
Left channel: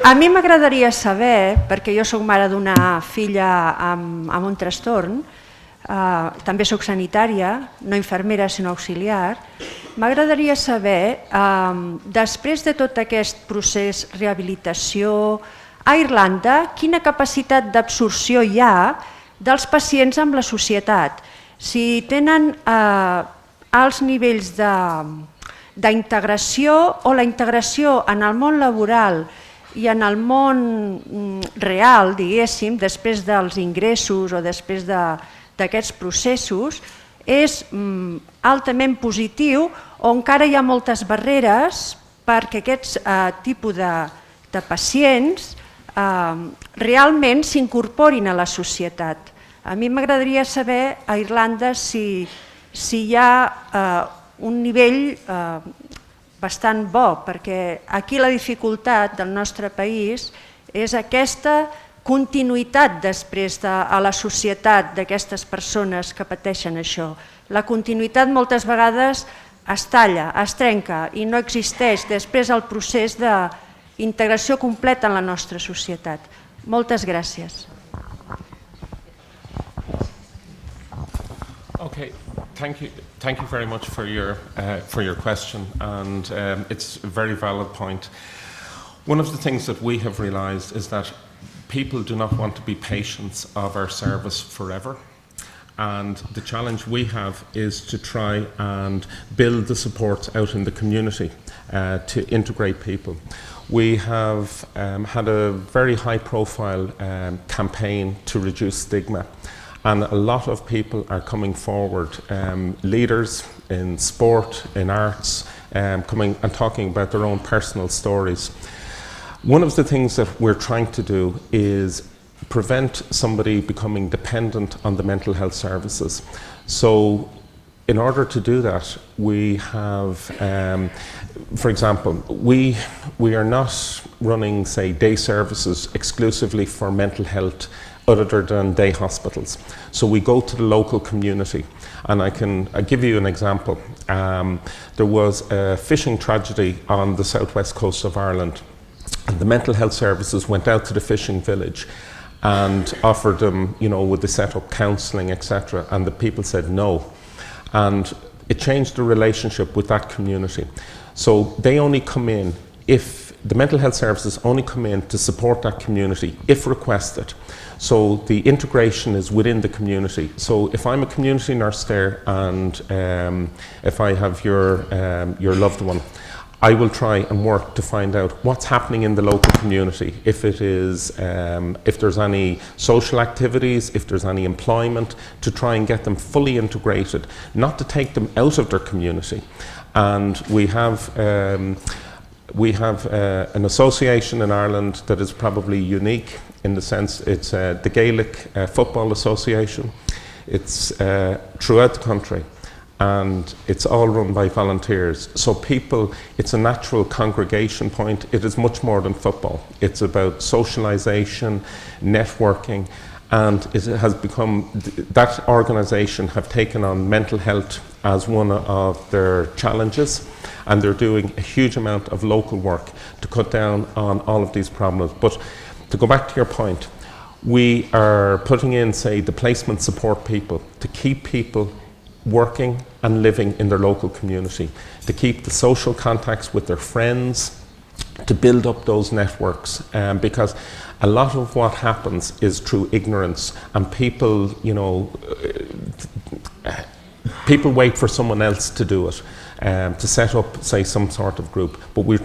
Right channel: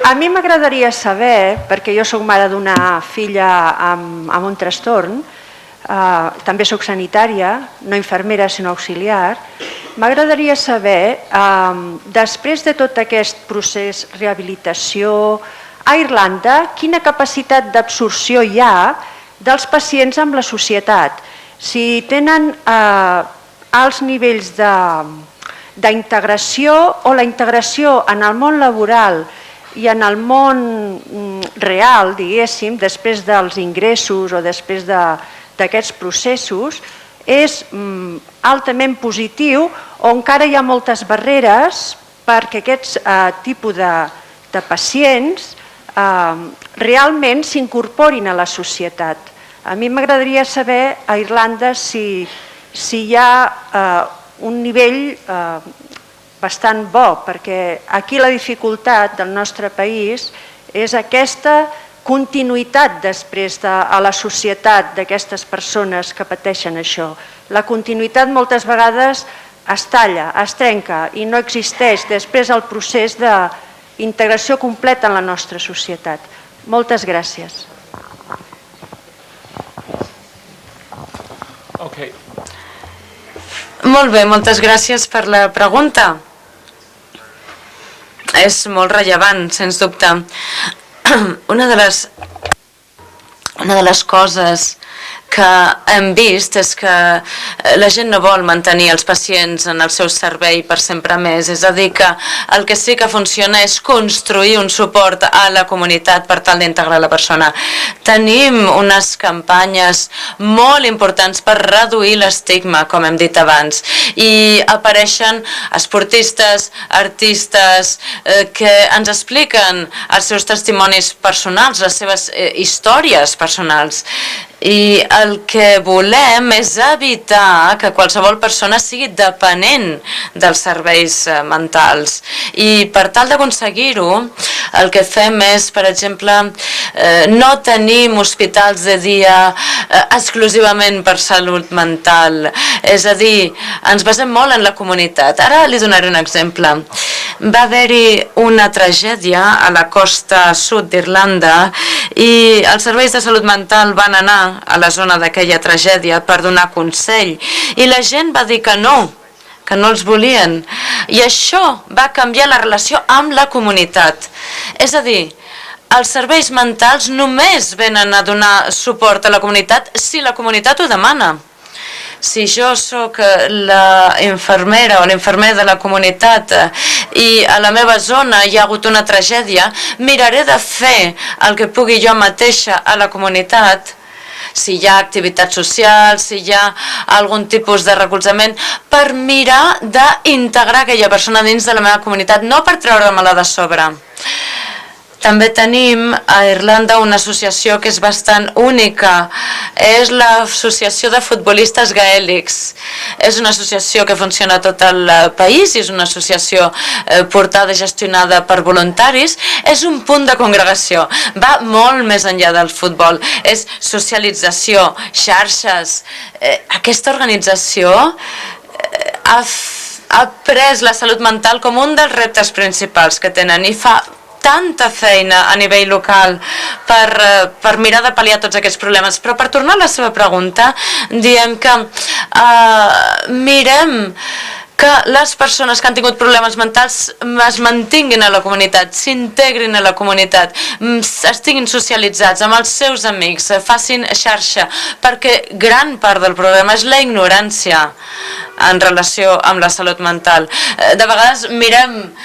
A mi m'agradaria saber, perquè jo soc mare d'una filla amb un trastorn, també soc sanitària, no infermera sinó auxiliar, m'agradaria saber, després de tot aquest procés de rehabilitació a Irlanda, quina capacitat d'absorció hi ha dels pacients amb la societat. Si tenen alts nivells d'integració o la integració en el món laboral i en el món real, diguéssim, després dels ingressos o després d'aquests processos, és altament positiu o encara hi ha moltes barreres perquè aquests tipus de pacients realment s'incorporin a la societat. A mi m'agradaria saber a Irlanda si hi ha un nivell bastant bo, perquè aquí la dificultat del nostre país és aquesta continuïtat després a la societat d'aquestes persones que pateixen això. La continuïtat moltes vegades es talla, es trenca i no existeix després el procés d'integració completa en la nostra societat. Moltes gràcies. Molt bé, moltes gràcies per la pregunta. És molt rellevant, sens dubte. Una de les coses que hem vist és que la gent no vol mantenir els pacients en el seu servei per sempre més. És a dir, que el que sí que funciona és construir un suport a la comunitat per tal d'integrar la persona. Tenim unes campanyes molt importants per reduir l'estigma, com hem dit abans, i apareixen esportistes, artistes, que ens expliquen els seus testimonis personals, les seves històries personals. I el que volem és evitar que qualsevol persona sigui dependent dels serveis mentals. I per tal d'aconseguir-ho, el que fem és, per exemple, no tenim hospitals de dia exclusivament per salut mental. És a dir, ens basem molt en la comunitat. Ara li donaré un exemple. Va haver-hi una tragèdia a la costa sud d'Irlanda i els serveis de salut mental van anar a la zona d'aquella tragèdia per donar consell i la gent va dir que no els volien, i això va canviar la relació amb la comunitat. És a dir, els serveis mentals només venen a donar suport a la comunitat si la comunitat ho demana. Si jo sóc la infermera o l'infermer de la comunitat i a la meva zona hi ha hagut una tragèdia, miraré de fer el que pugui jo mateixa a la comunitat, si hi ha activitats socials, si hi ha algun tipus de recolzament, per mirar d'integrar aquella persona dins de la meva comunitat, no per treure-me-la de sobre. També tenim a Irlanda una associació que és bastant única, és l'associació de futbolistes gaèlics. És una associació que funciona a tot el país i és una associació portada i gestionada per voluntaris. És un punt de congregació, va molt més enllà del futbol, és socialització, xarxes. Aquesta organització ha pres la salut mental com un dels reptes principals que tenen i fa tanta feina a nivell local per mirar de pal·liar tots aquests problemes. Però per tornar a la seva pregunta, diem que mirem que les persones que han tingut problemes mentals es mantinguin a la comunitat, s'integrin a la comunitat, estiguin socialitzats amb els seus amics, facin xarxa, perquè gran part del problema és la ignorància en relació amb la salut mental. De vegades mirem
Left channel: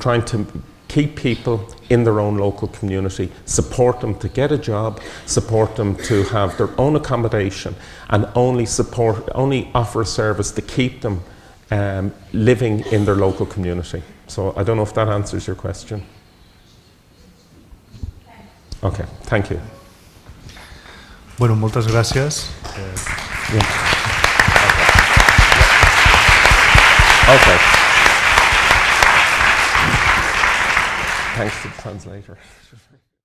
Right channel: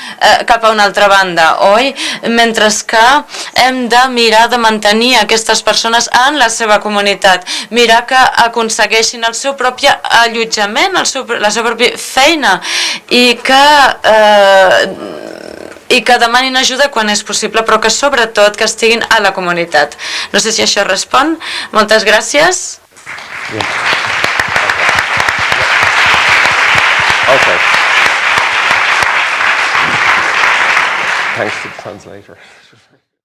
cap a una altra banda, oi? Mentre que hem de mirar de mantenir aquestes persones en la seva comunitat, mirar que aconsegueixin el seu propi allotjament, la seva pròpia feina i que demanin ajuda quan és possible, però que sobretot que estiguin a la comunitat. No sé si això respon. Moltes gràcies. Okay. Thanks to the translator.